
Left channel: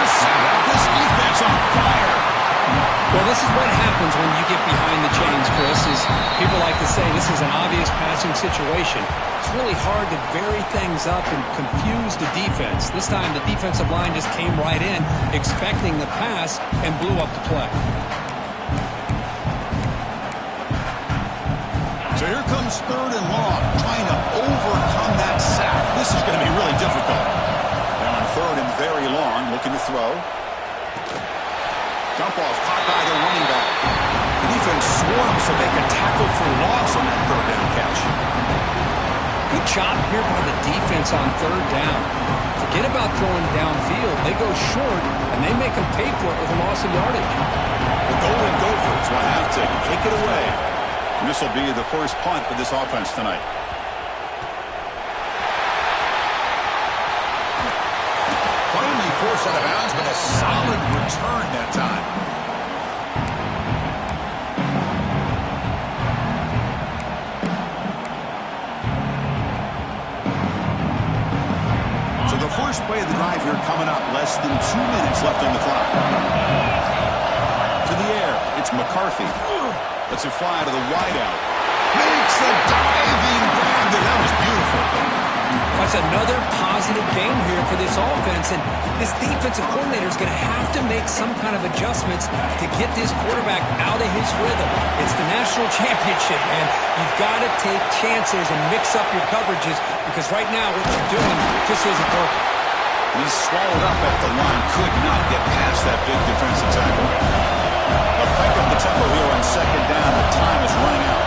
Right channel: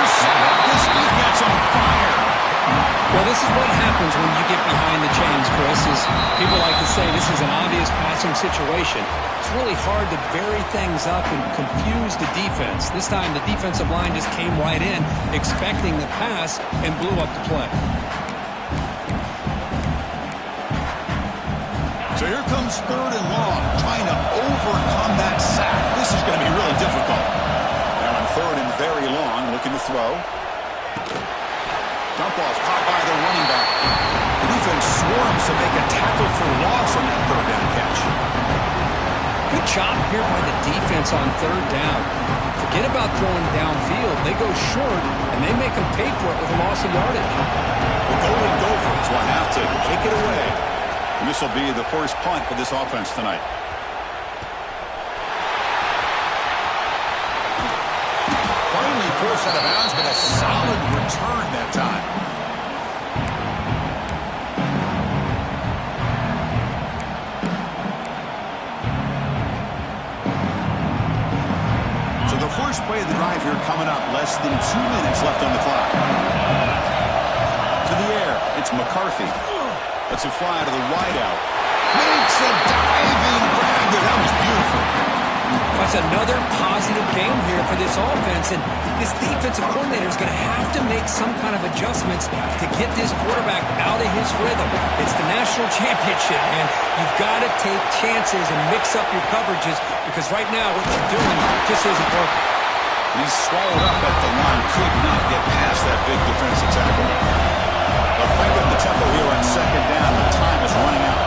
This defense on fire. Well, this is what happens when you get behind the chains, Chris. Is people like to say this is an obvious passing situation. It's really hard to vary things up and confuse the defense. This time the defensive line just came right in, expecting the pass, and blew up the play. So here comes 3rd and long, trying to overcome that sack. This is going to be really difficult. Now on 3rd and very long, looking to throw. Dump off caught by the running back. The defense swarms to make a tackle for loss on that 3rd down catch. Good job here by the defense on 3rd down. Forget about throwing downfield. They go short, and they make them pay for it with a loss of yardage. The Golden Gophers will have to kick it away. And this will be the first punt for this offense tonight. Finally forced out of bounds, but a solid return that time. So the first play of the drive here coming up, less than 2 minutes left on the clock. To the air, it's McCarthy. Lets it fly to the wideout. Makes a diving grab there. That was beautiful. That's another positive game here for this offense, and this defensive coordinator is going to have to make some kind of adjustments to get this quarterback out of his rhythm. It's the national championship, man. You've got to take chances and mix up your coverages because right now what you're doing just isn't working. And he's swallowed up at the line. Could not get past that big defensive tackle. They'll crank up the tempo here on second down. The time is running out.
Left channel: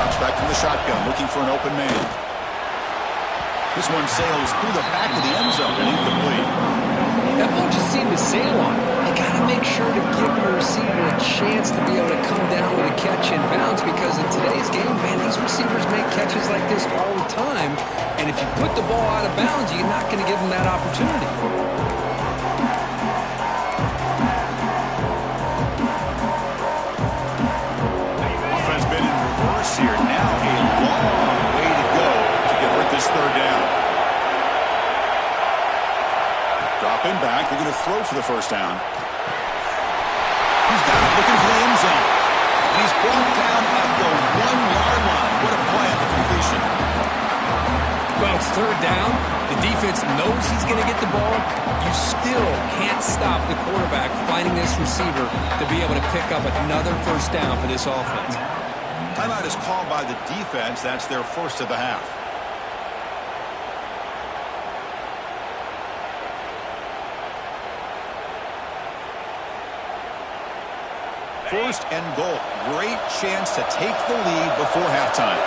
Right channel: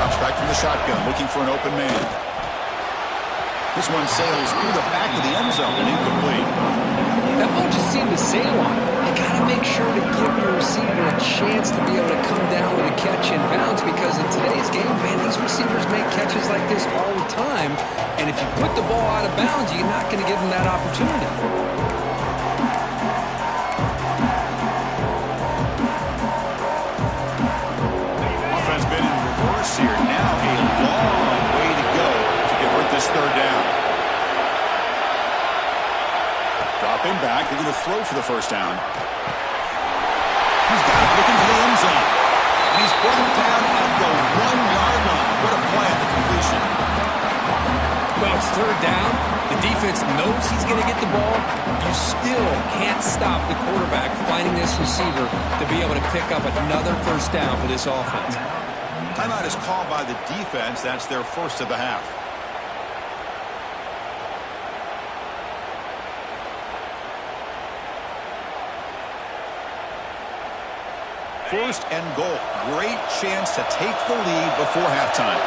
Drops back from the shotgun, looking for an open man. This one sails through the back of the end zone and incomplete. That ball just seemed to sail on it. You got to make sure to give your receiver a chance to be able to come down with a catch in bounds, because in today's game, man, these receivers make catches like this all the time. And if you put the ball out of bounds, you're not going to give them that opportunity. Offense been in reverse here. Now a long way to go to convert this third down. Dropping back, they're going to throw for the first down. He's got it, looking for the end zone. And he's brought down at the 1-yard line. What a play at the completion. Well, it's third down. The defense knows he's going to get the ball. You still can't stop the quarterback finding this receiver to be able to pick up another first down for this offense. Timeout is called by the defense. That's their first of the half. First and goal. Great chance to take the lead before halftime.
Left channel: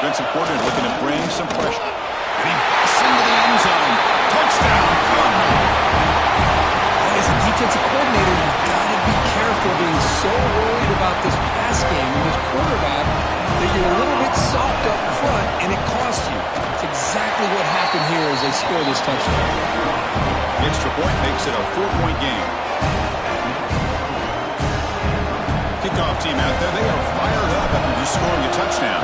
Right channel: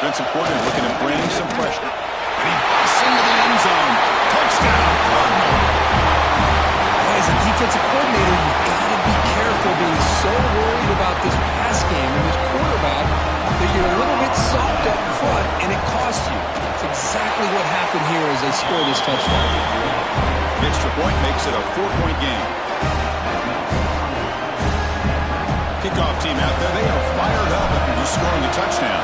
Defensive coordinator looking to bring some pressure. And he busts into the end zone. Touchdown, Cardinal. As a defensive coordinator, you've got to be careful being so worried about this pass game and this quarterback that you're a little bit soft up front and it costs you. It's exactly what happened here as they score this touchdown. The extra point makes it a 4-point game. Kickoff team out there, they are fired up after just scoring a touchdown.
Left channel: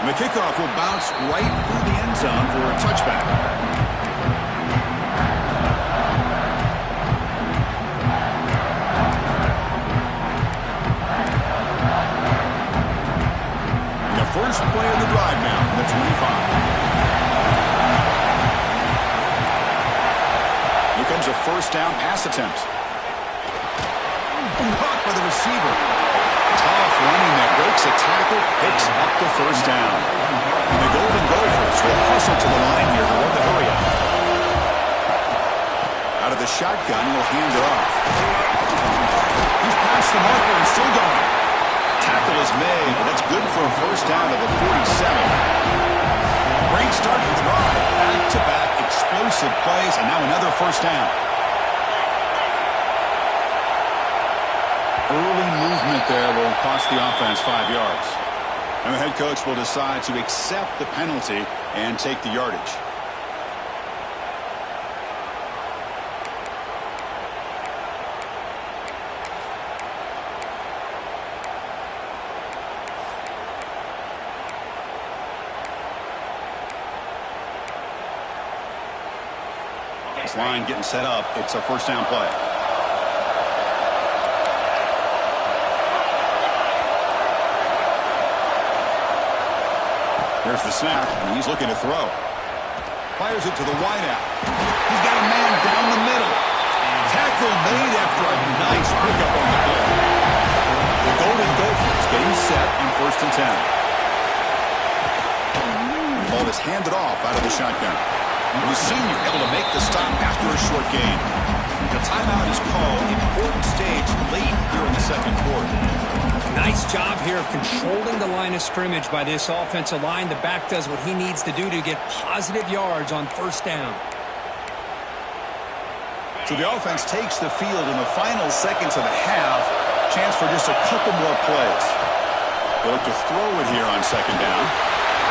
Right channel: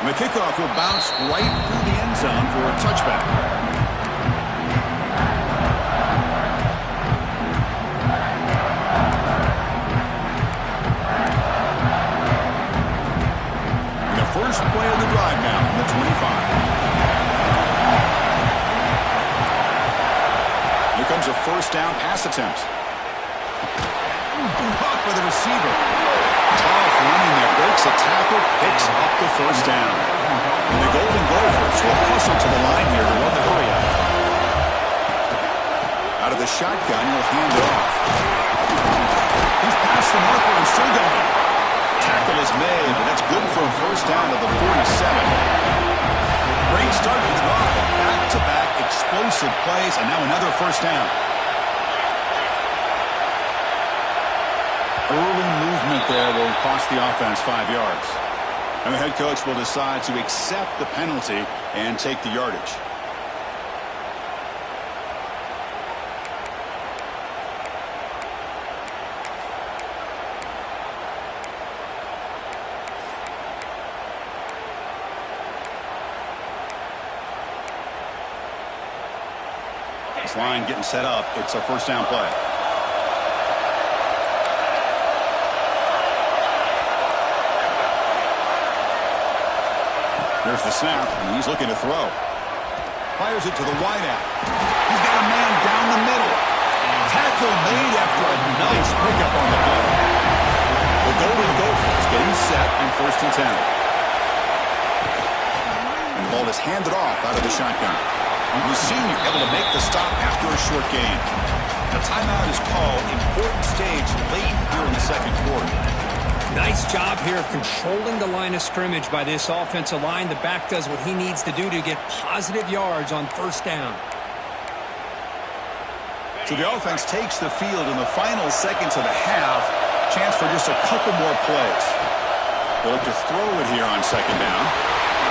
And the kickoff will bounce right through the end zone for a touchback. And the first play of the drive now from the 25. Here comes a first down pass attempt. Caught by the receiver. Tough running that breaks a tackle, picks up the first down. And the Golden Gophers will hustle to the line here to run the hurry out. Out of the shotgun, he'll hand it off. He's past the marker and still going. Tackle is made, but that's good for a first down to the 47. Great start to the drive. Back-to-back explosive plays, and now another first down. Early movement there will cost the offense 5 yards. And the head coach will decide to accept the penalty and take the yardage. This line getting set up. It's a first down play. There's the snap, and he's looking to throw. Fires it to the wideout. He's got a man down the middle. Tackle made after a nice pickup on the play. The Golden Gophers getting set on 1st and 10. The ball is handed off out of the shotgun. The senior able to make the stop after a short gain. The timeout is called. Important stage late here in the second quarter. Nice job here of controlling the line of scrimmage by this offensive line. The back does what he needs to do to get positive yards on first down. So the offense takes the field in the final seconds of the half. Chance for just a couple more plays. They look to throw it here on second down.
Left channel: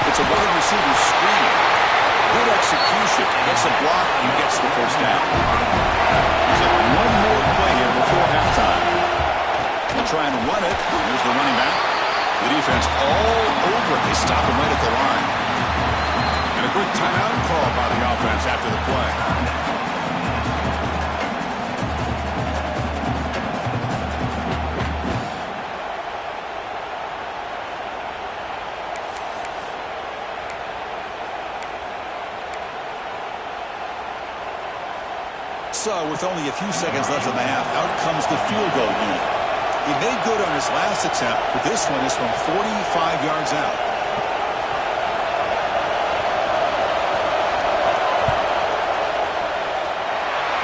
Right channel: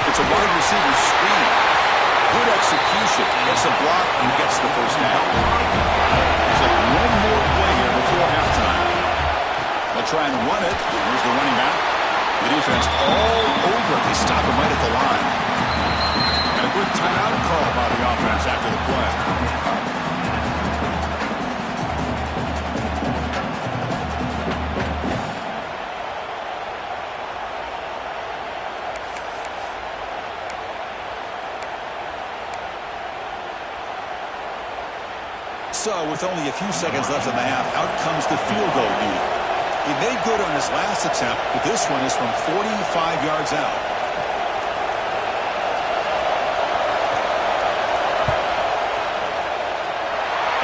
It's a wide receiver screen. Good execution. Gets a block and gets the first down. There's like one more play here before halftime. They'll try and run it. Here's the running back. The defense all over it. They stop him right at the line. And a good timeout call by the offense after the play. So, with only a few seconds left in the half, out comes the field goal unit. He made good on his last attempt, but this one is from 45 yards out.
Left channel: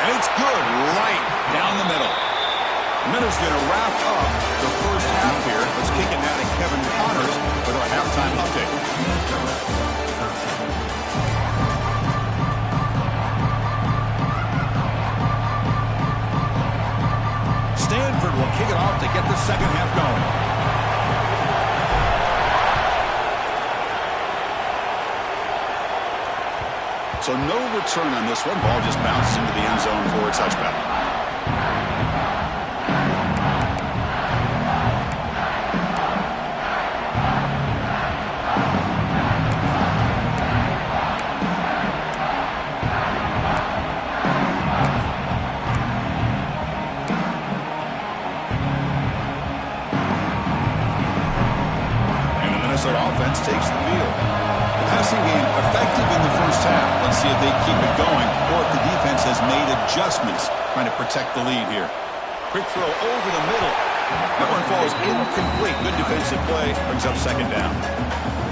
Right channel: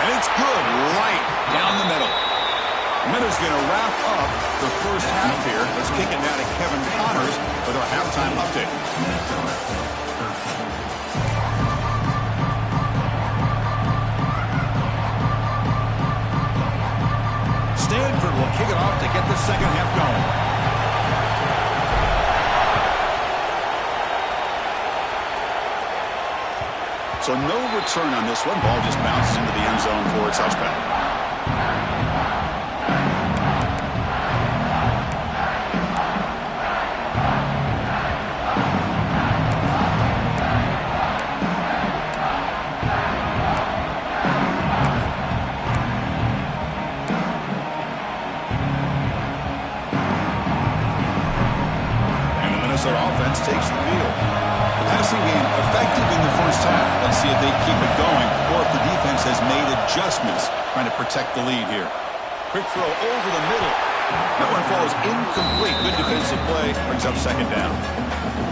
And it's good right down the middle. The Minnows going to wrap up the first half here. Let's kick it now to Kevin Connors with our halftime update. Stanford will kick it off to get the second half going. So no return on this one. Ball just bounces into the end zone for a touchback. Offense takes the field. The passing game effective in the first half. Let's see if they keep it going or if the defense has made adjustments trying to protect the lead here. Quick throw over the middle. That one falls incomplete. Good defensive play. Brings up second down.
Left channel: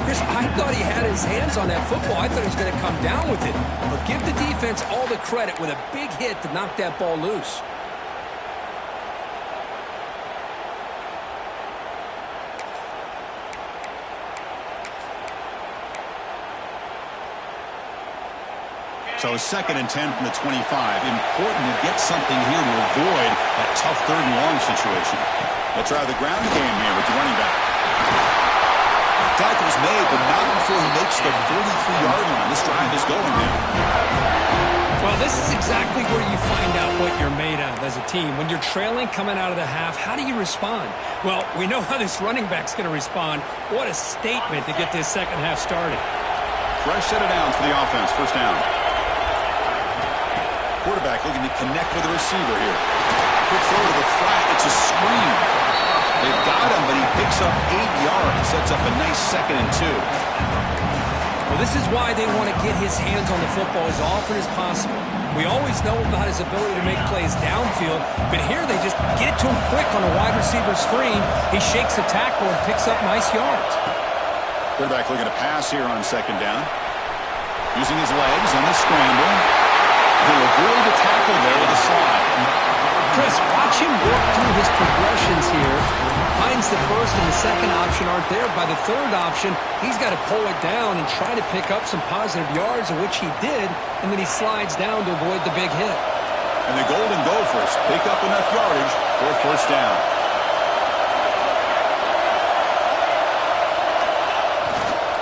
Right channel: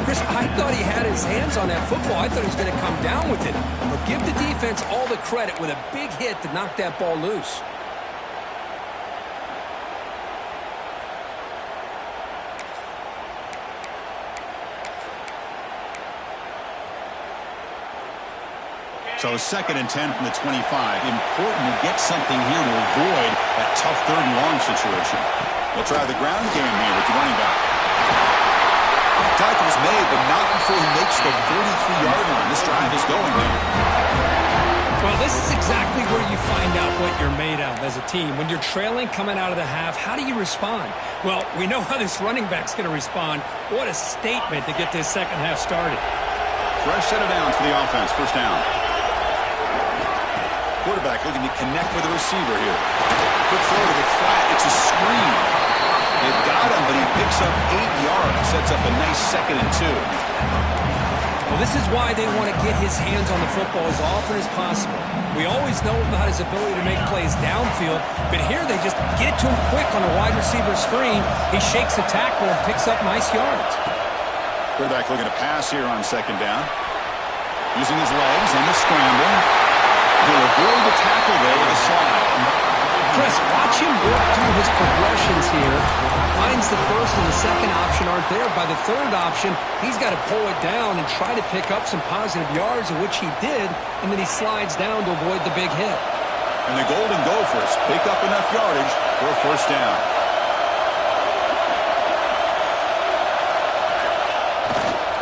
Chris, I thought he had his hands on that football. I thought he was going to come down with it. But give the defense all the credit with a big hit to knock that ball loose. So 2nd and 10 from the 25. Important to get something here to avoid that tough 3rd and long situation. We'll try the ground game here with the running back. Tackle's made, but not before he makes the 43-yard line. This drive is going now. Well, this is exactly where you find out what you're made of as a team. When you're trailing coming out of the half, how do you respond? Well, we know how this running back's going to respond. What a statement to get this second half started. Fresh set of downs for the offense. First down. Quarterback looking to connect with the receiver here. Quick throw to the flat. It's a screen. They've got him, but he picks up 8 yards. Sets up a nice 2nd and 2. Well, this is why they want to get his hands on the football as often as possible. We always know about his ability to make plays downfield, but here they just get it to him quick on a wide receiver screen. He shakes the tackle and picks up nice yards. Quarterback looking to pass here on 2nd down. Using his legs on the scramble. He'll avoid the tackle there with a slide. Chris, watch him work through his progressions here. Finds the first and the second option aren't there. By the 3rd option, he's got to pull it down and try to pick up some positive yards, of which he did, and then he slides down to avoid the big hit. And the Golden Gophers pick up enough yardage for a first down.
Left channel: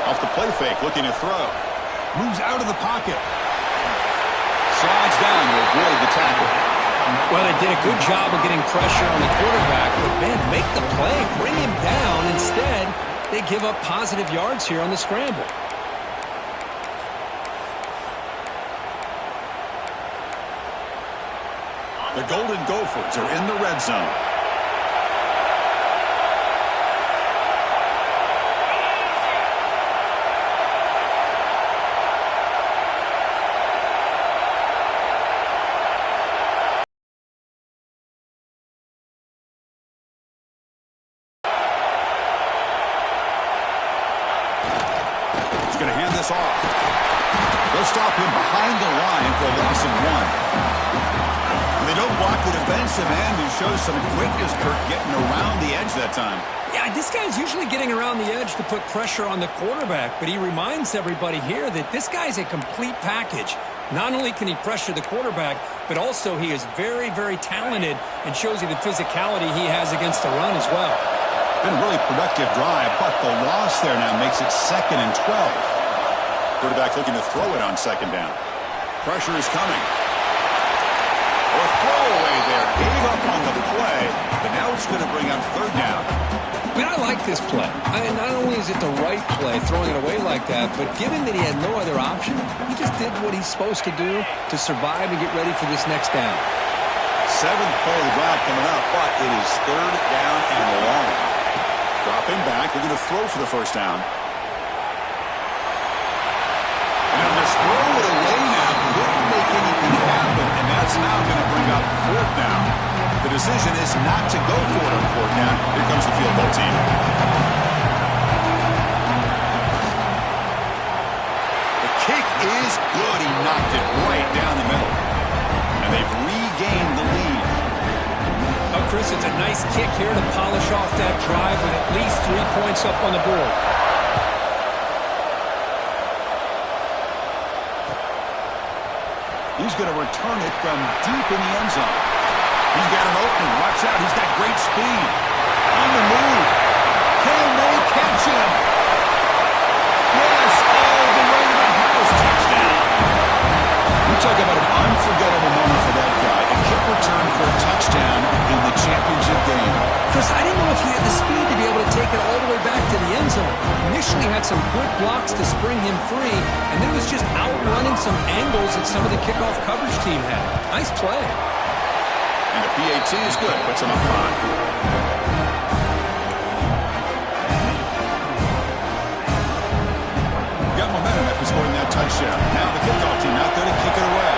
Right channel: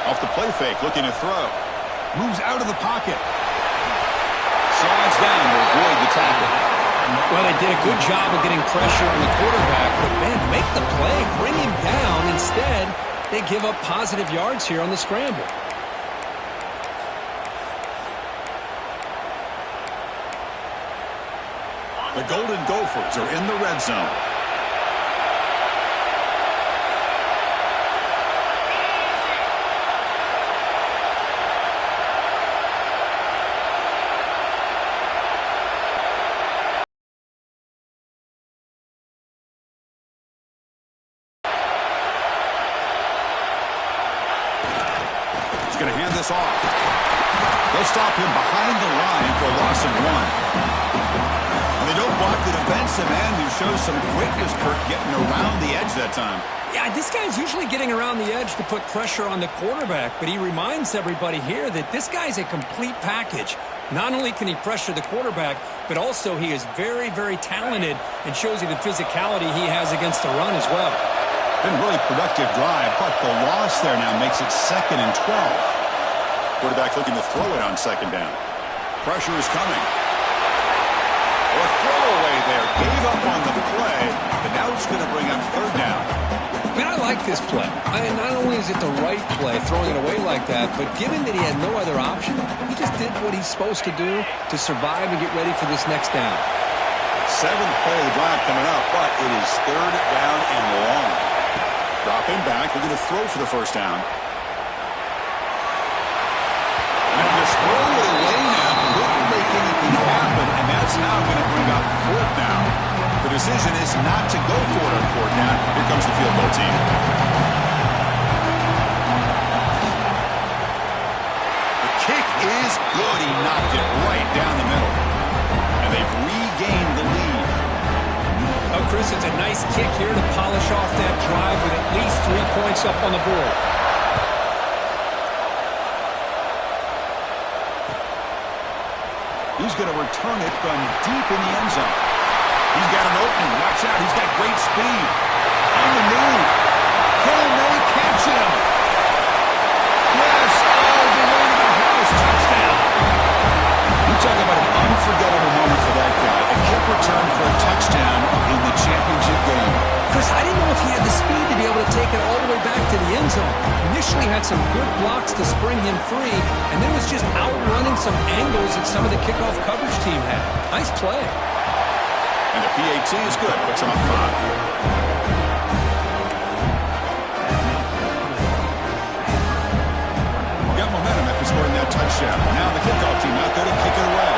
Off the play fake, looking to throw. Moves out of the pocket. Slides down to avoid the tackle. Well, they did a good job of getting pressure on the quarterback, but, man, make the play, bring him down. Instead, they give up positive yards here on the scramble. The Golden Gophers are in the red zone. Going to hand this off. They'll stop him behind the line for a loss of 1. And they don't block the defensive end, who shows some quickness, Kirk, getting around the edge that time. Yeah, this guy's usually getting around the edge to put pressure on the quarterback, but he reminds everybody here that this guy's a complete package. Not only can he pressure the quarterback, but also he is very, very talented and shows you the physicality he has against the run as well. Been a really productive drive, but the loss there now makes it 2nd and 12. Quarterback looking to throw it on 2nd down. Pressure is coming. Oh, a throwaway there. Gave up on the play, but now it's going to bring up 3rd down. I mean, I like this play. Not only is it the right play, throwing it away like that, but given that he had no other option, he just did what he's supposed to do to survive and get ready for this next down. 7th play of the drive coming up, but it is 3rd down and long. Drop him back. They're going to throw for the first down. And they'll just throw it away now. Couldn't make anything happen, and that's now going to bring up 4th down. The decision is not to go for it on fourth down. Here comes the field goal team. The kick is good. He knocked it right down the middle. And they've regained the lead. Oh, Chris, it's a nice kick here to polish off that drive with at least 3 points up on the board. He's going to return it from deep in the end zone. He's got an opening. Watch out. He's got great speed. On the move. Can they catch him? Yes, all the way to the house. Touchdown. We talk about an unforgettable moment for that guy. A kick return for a touchdown in the championship game. Chris, I didn't know if he had the speed to be able to take it all the way back to the end zone. Initially had some good blocks to spring him free, and then was just outrunning some angles that some of the kickoff coverage team had. Nice play. And the PAT is good. Puts him up 5. Got momentum after scoring that touchdown. Now the kickoff team out there to kick it away.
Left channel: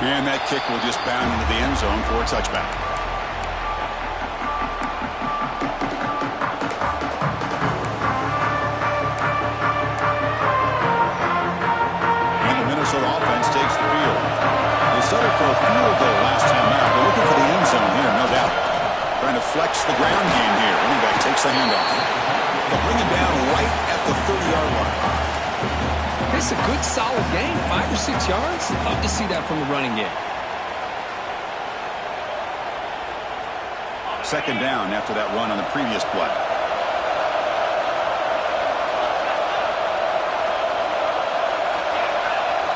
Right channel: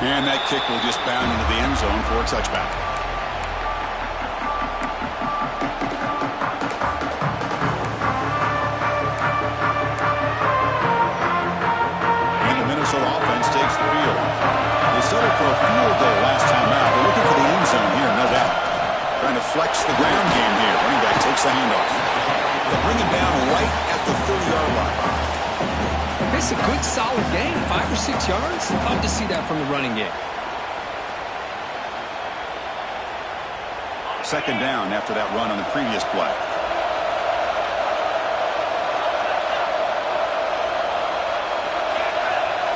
And that kick will just bound into the end zone for a touchback. And the Minnesota offense takes the field. They settled for a field goal last time out. They're looking for the end zone here, no doubt. Trying to flex the ground game here. Running back takes the handoff. They'll bring him down right at the 30-yard line. It's a good, solid game. 5 or 6 yards. Love to see that from the running game. Second down after that run on the previous play.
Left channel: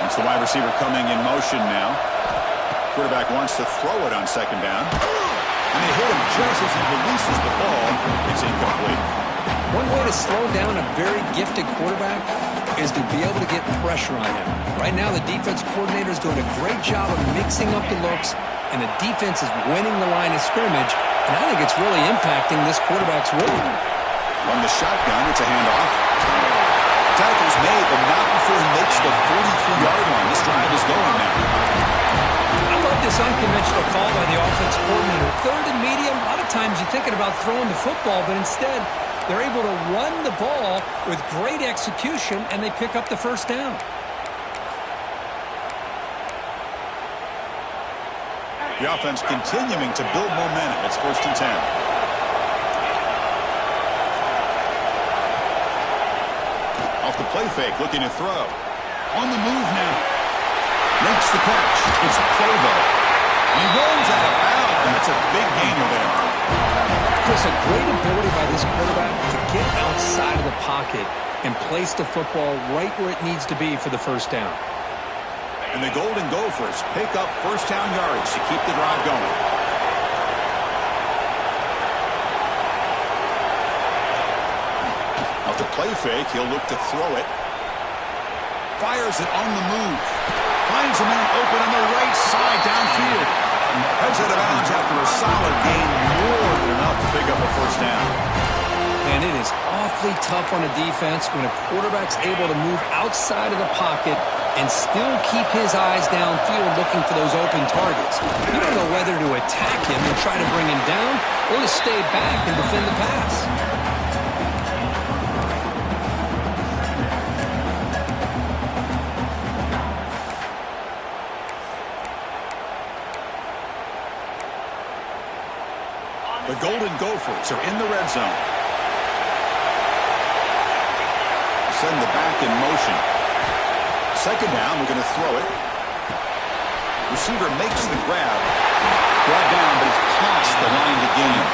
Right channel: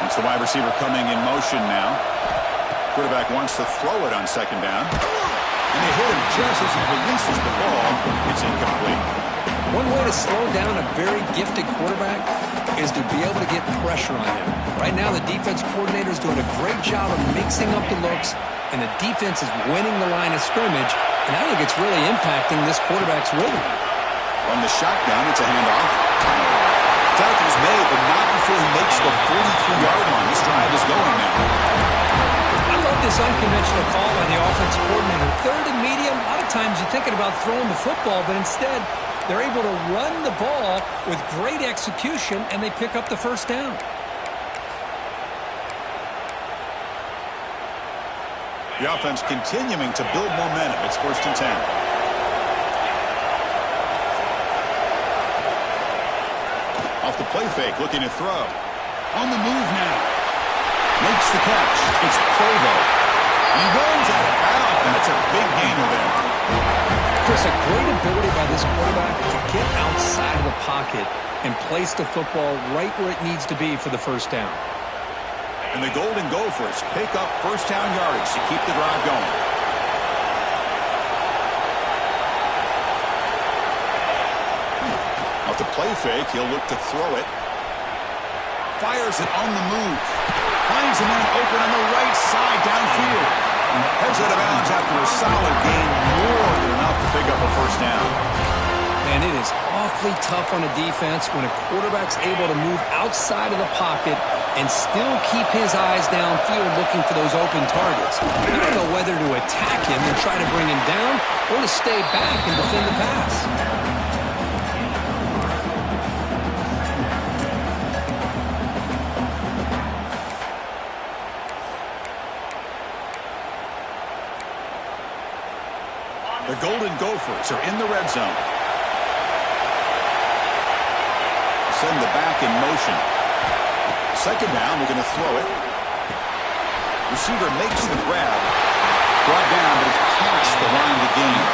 It's the wide receiver coming in motion now. Quarterback wants to throw it on second down. And they hit him just as he releases the ball. It's incomplete. One way to slow down a very gifted quarterback is to be able to get pressure on him. Right now, the defense coordinator is doing a great job of mixing up the looks, and the defense is winning the line of scrimmage, and I think it's really impacting this quarterback's rhythm. From the shotgun, it's a handoff. Tackle's made, but not before he makes the 43-yard line. This drive is going now. I love this unconventional call by the offense coordinator. Third and medium, a lot of times you're thinking about throwing the football, but instead they're able to run the ball with great execution, and they pick up the first down. The offense continuing to build momentum. It's 1st and 10. Off the play fake, looking to throw. On the move now. Makes the catch. It's Provo. He runs out of bounds. That's a big gainer there. Chris, a great ability by this quarterback to get outside of the pocket and place the football right where it needs to be for the first down. And the Golden Gophers pick up first down yardage to keep the drive going. Off the play fake, he'll look to throw it. Fires it on the move. Finds a man open on the right side downfield. Heads out of bounds after a solid gain, more than enough to pick up a first down. Man, it is awfully tough on a defense when a quarterback's able to move outside of the pocket and still keep his eyes downfield looking for those open targets. You don't know whether to attack him and try to bring him down or to stay back and defend the pass. The Golden Gophers are in the red zone. Send the back in motion. Second down, we're going to throw it. Receiver makes the grab. Brought down, but it's past the line to gain.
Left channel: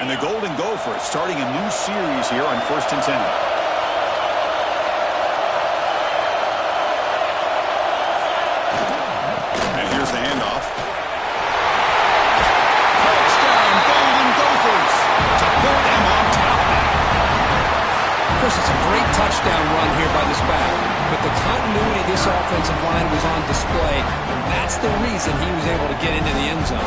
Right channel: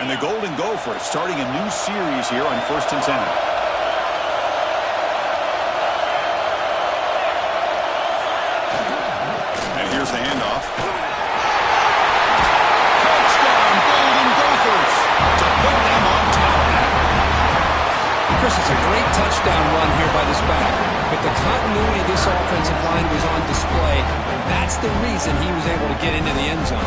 And the Golden Gophers starting a new series here on 1st and 10. Here's the handoff. Touchdown, Golden Gophers, to put them on top now. Chris, it's a great touchdown run here by this back, but the continuity of this offensive line was on display, and that's the reason he was able to get into the end zone.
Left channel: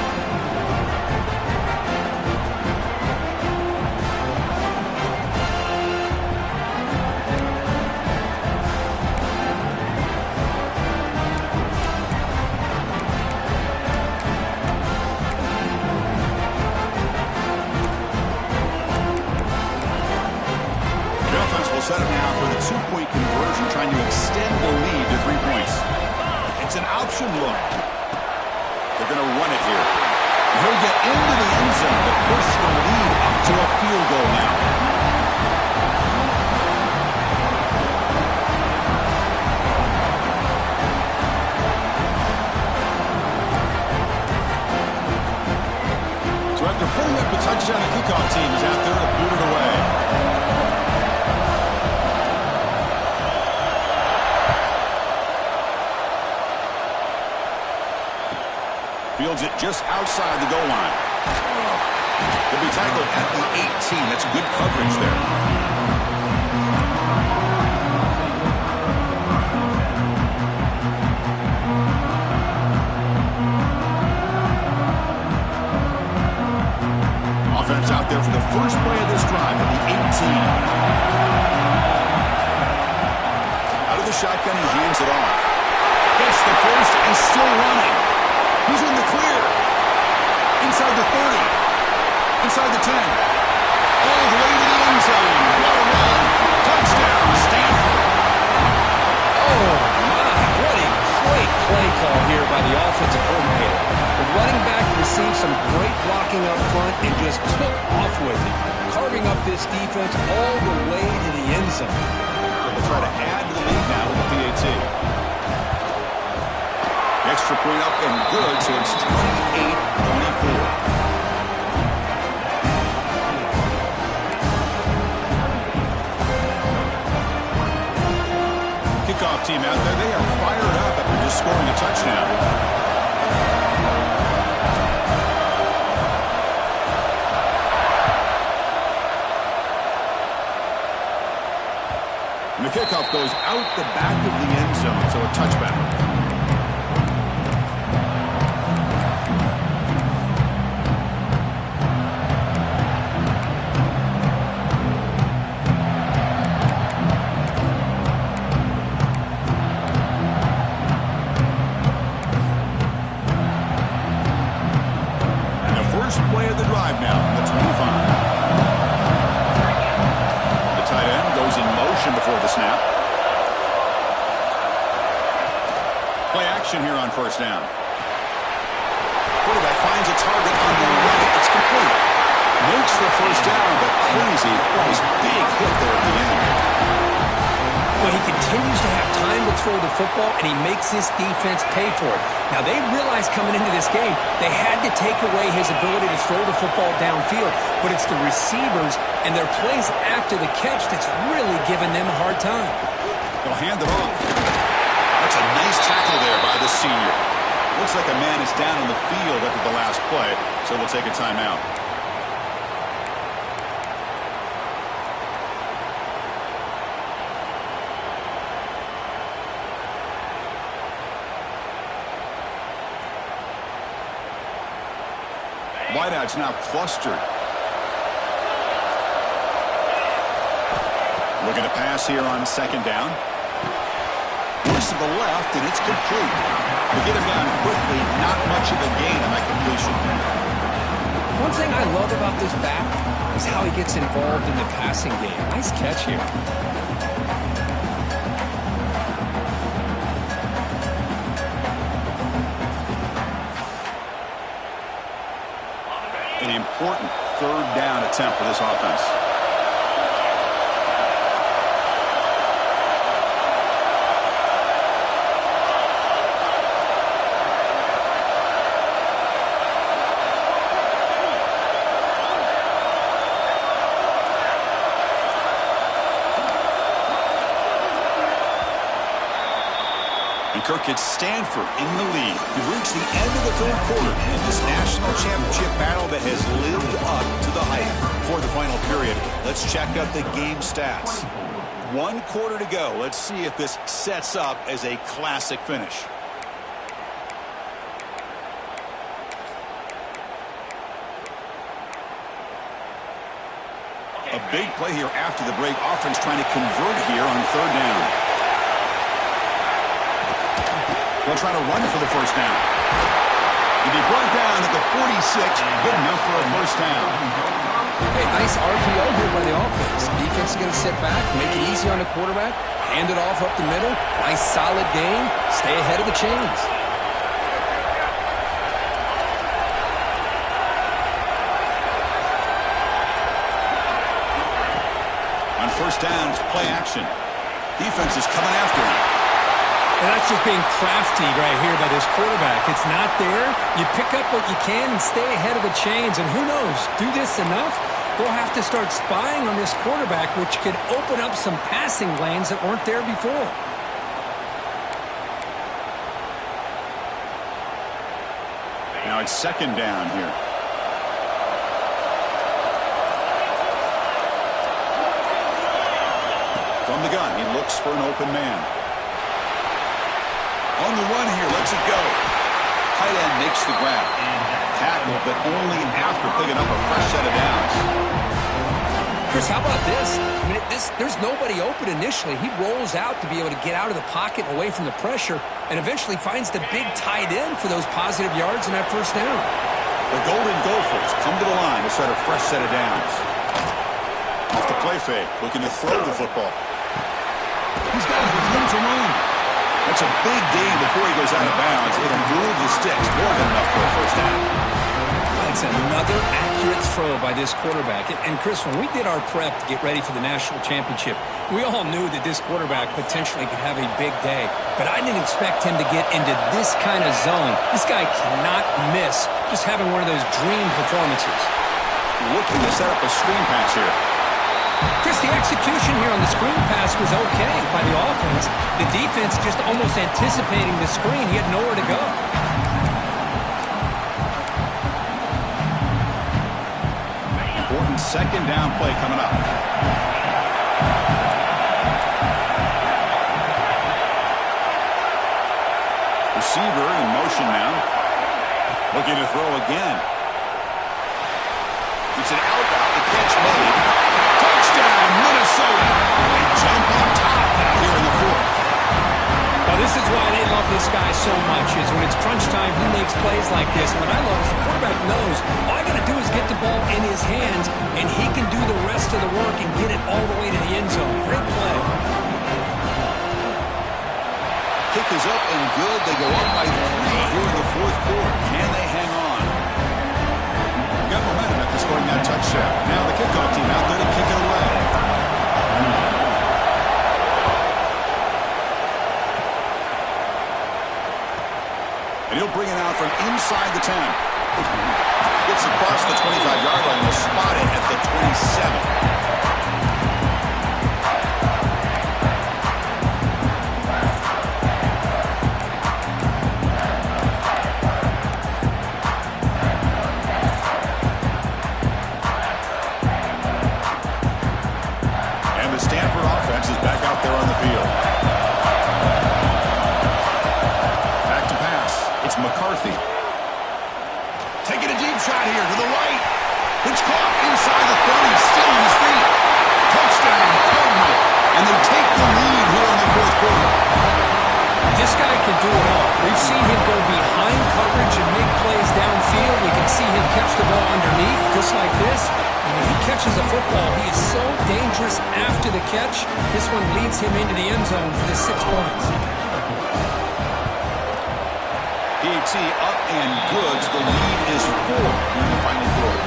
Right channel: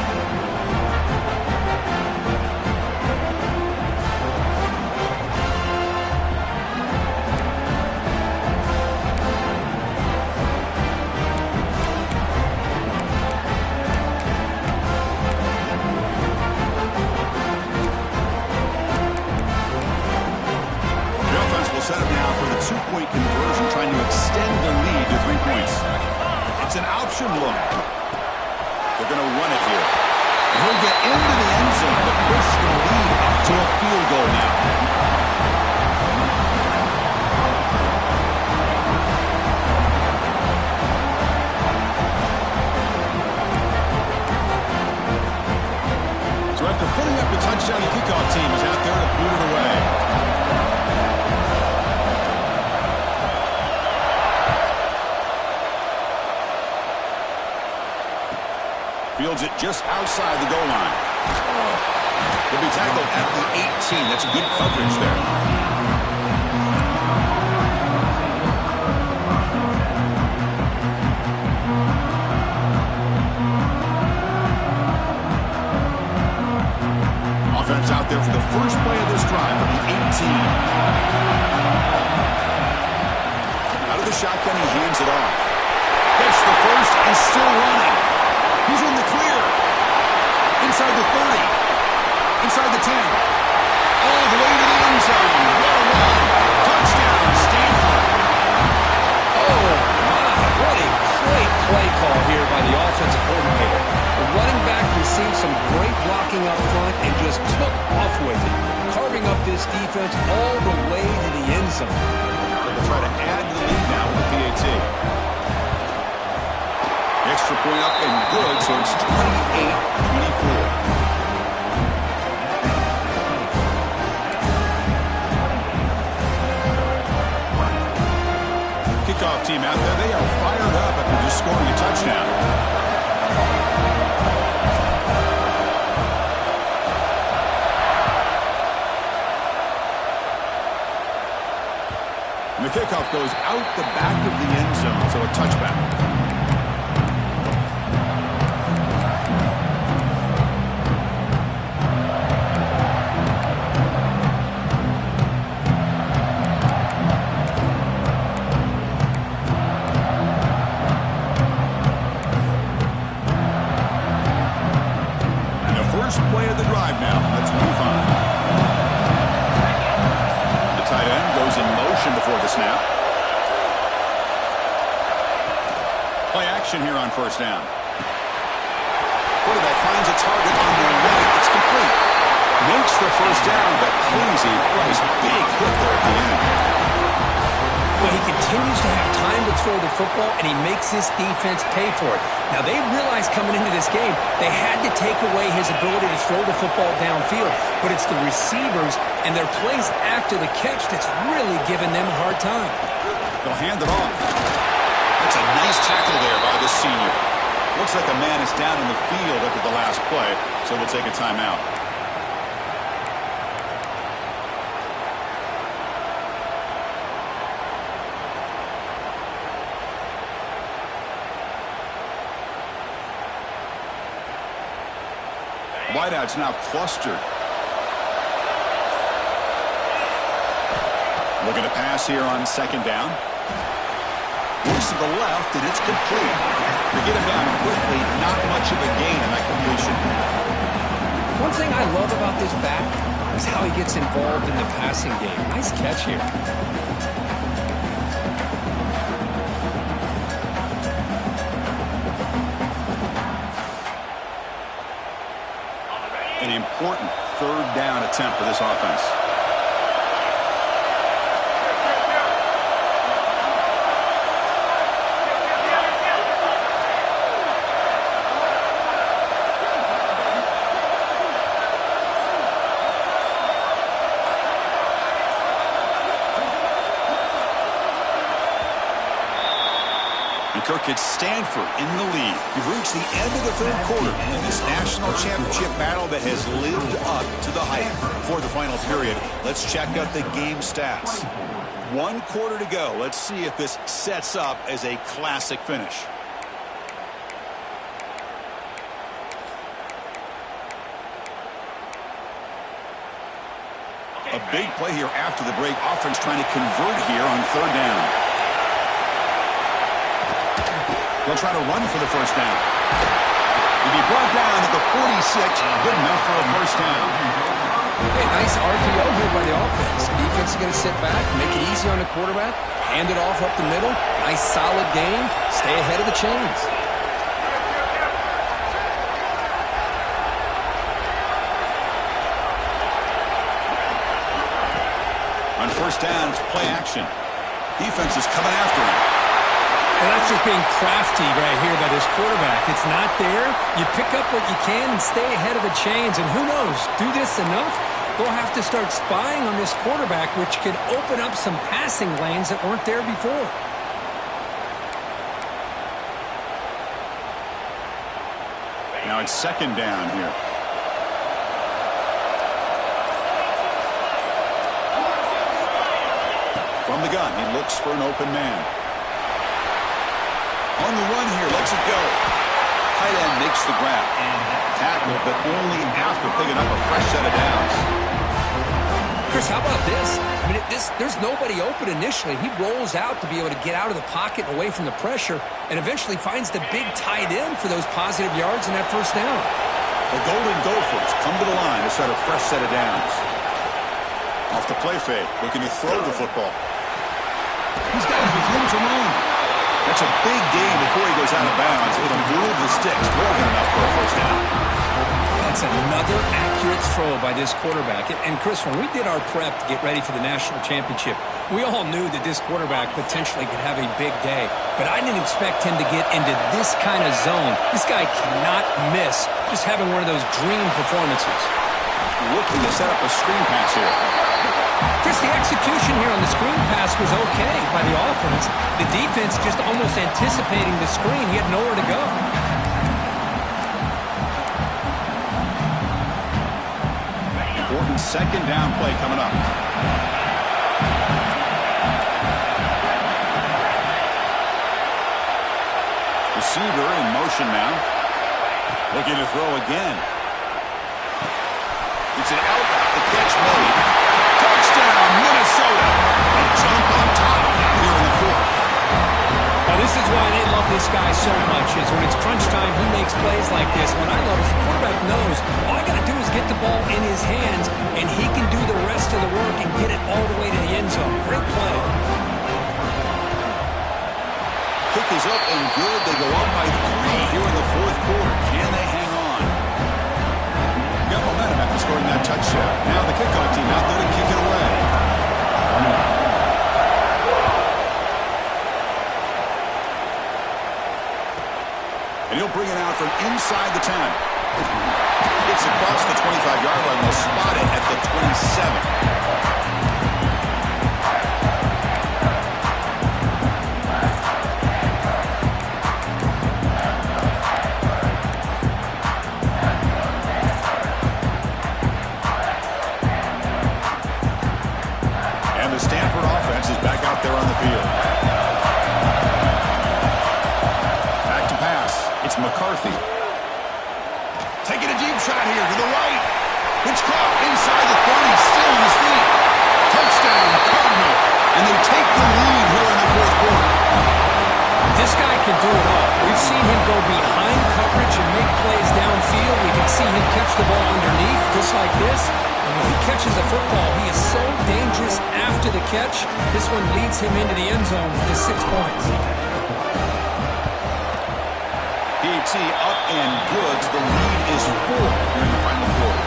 trying to extend their lead to 3 points. It's an option look. They're going to run it here. He'll get into the end zone to push the lead up to a field goal now. So after putting up the touchdown, the kickoff team is out there to boot it away. Fields it just outside the goal line. He'll be tackled at the 18. That's good coverage there. Offense out there for the first play of this drive from the 18. Out of the shotgun, he hands it off. Gets the first and still running. He's in the clear. Inside the 30. Inside the 10. All the way to the end zone. What a run. Touchdown, Stanford. Oh, my. What a great play call here by the offensive coordinator. The running back received some great blocking up front and just took off with it, carving up this defense all the way to the end zone. So they'll try to add to the lead now with the PAT. Extra point up and good, so it's 28-24. Kickoff team out there, they are fired up after just scoring a touchdown. And the kickoff goes out the back of the end zone, so a touchback. And the first play of the drive now from the 25. Tight end goes in motion before the snap. Play action here on first down. Quarterback finds a target on the right. It's complete. Makes the first down, but crazy. Nice big hit there at the end. Well, he continues to have time to throw the football, and he makes this defense pay for it. Now, they realized coming into this game they had to take away his ability to throw the football downfield, but it's the receivers and their plays after the catch that's really giving them a hard time. They'll hand it off. That's a nice tackle there by the senior. Looks like a man is down in the field after the last play, so we'll take a timeout. Wideouts now clustered. Looking to pass here on second down. Looks to the left, and it's complete. To get him down quickly, not much of a gain on that completion. One thing I love about this back is how he gets involved in the passing game. Nice catch here. An important third down attempt for this offense. And Kirk, it's Stanford in the lead. We've reached the end of the third quarter in this national championship battle that has lived up to the hype. For the final period, let's check out the game stats. 1 quarter to go. Let's see if this sets up as a classic finish. A big play here after the break. Offense trying to convert here on third down. They'll try to run for the first down. He'll be brought down at the 46. Good enough for a first down. Hey, nice RPO here by the offense. Defense is going to sit back, make it easy on the quarterback, hand it off up the middle. Nice solid game. Stay ahead of the chains. On first down, it's play action. Defense is coming after him. And that's just being crafty right here by this quarterback. It's not there. You pick up what you can and stay ahead of the chains. And who knows, do this enough, they'll have to start spying on this quarterback, which could open up some passing lanes that weren't there before. Now it's second down here. From the gun, he looks for an open man. On the run here, lets it go. Tight end makes the grab. Tackle, but only after picking up a fresh set of downs. Chris, how about this? I mean, there's nobody open initially. He rolls out to be able to get out of the pocket and away from the pressure and eventually finds the big tight end for those positive yards in that first down. The Golden Gophers come to the line to set a fresh set of downs. Off the play fake, looking to throw the football. He's got it with room to roam. That's a big gain before he goes out of bounds. It'll move the sticks more than enough for a first down. That's another accurate throw by this quarterback. And Chris, when we did our prep to get ready for the national championship, we all knew that this quarterback potentially could have a big day. But I didn't expect him to get into this kind of zone. This guy cannot miss just having one of those dream performances. Looking to set up a screen pass here. Chris, the execution here on the screen pass was okay by the offense. The defense just almost anticipating the screen. He had nowhere to go. Important second down play coming up. Receiver in motion now. Looking to throw again. It's an out route. The catch made. Touchdown, Minnesota. They jump on top now here in the fourth. Now, this is why they love this guy so much, is when it's crunch time, he makes plays like this. What I love is the quarterback knows all I got to do is get the ball in his hands, and he can do the rest of the work and get it all the way to the end zone. Great play. Kick is up and good. They go up by 3 here in the fourth quarter. Can they hang on? Got momentum after scoring that touchdown. Now the kickoff team out there to kick it away. And he'll bring it out from inside the 10. Gets across the 25-yard line. They'll spot it at the 27. Is back out there on the field. Back to pass. It's McCarthy. Taking a deep shot here to the right. It's caught inside the 30. Still on his feet. Touchdown, Cardinal. And they take the lead here in the fourth quarter. This guy can do it all. We've seen him go behind coverage and make plays downfield. We can see him catch the ball underneath just like this. And when he catches a football, he is so dangerous after the catch. This one leads him into the end zone for the 6 points. BT up and good. The lead is 4 here in the final quarter.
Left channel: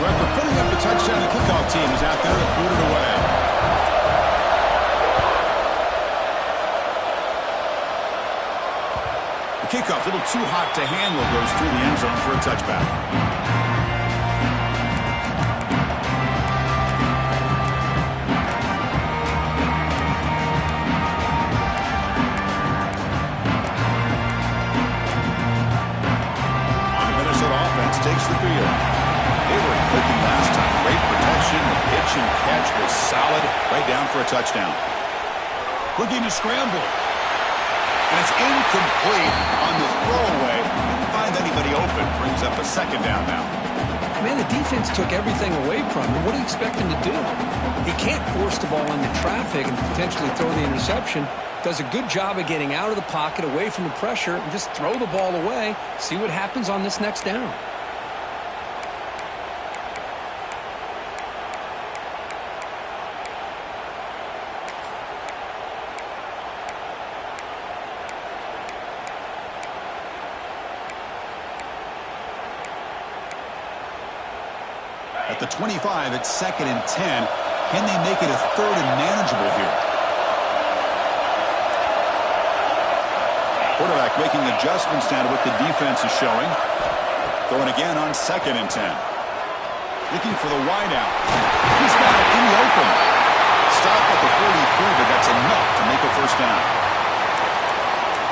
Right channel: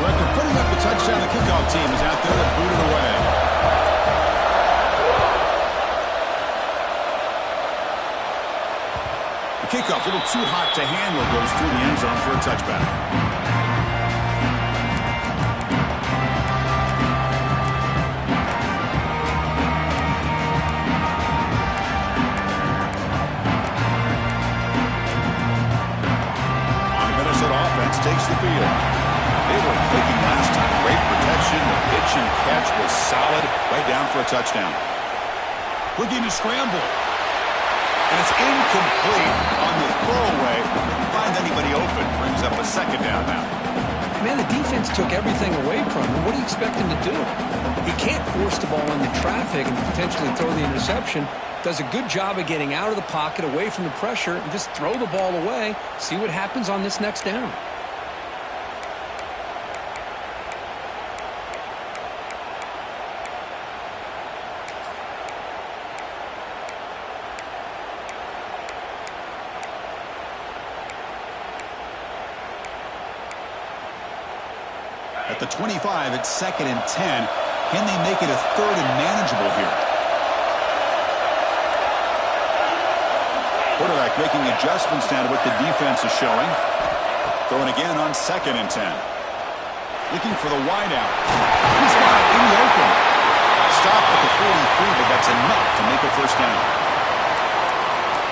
So after putting up the touchdown, the kickoff team is out there to boot it away. The kickoff, a little too hot to handle, goes through the end zone for a touchback. On the Minnesota offense takes the field. They were clicking last time. Great protection. The pitch and catch was solid. Right down for a touchdown. Looking to scramble. And it's incomplete on the throwaway. Didn't find anybody open. Brings up a second down now. Man, the defense took everything away from him. What do you expect him to do? He can't force the ball into traffic and potentially throw the interception. does a good job of getting out of the pocket, away from the pressure, and just throw the ball away. See what happens on this next down. At the 25, it's 2nd and 10. Can they make it a 3rd and manageable here? Quarterback making adjustments now to what the defense is showing. Throwing again on 2nd and 10. Looking for the wideout. He's got it in the open. Stop at the 43, but that's enough to make a first down.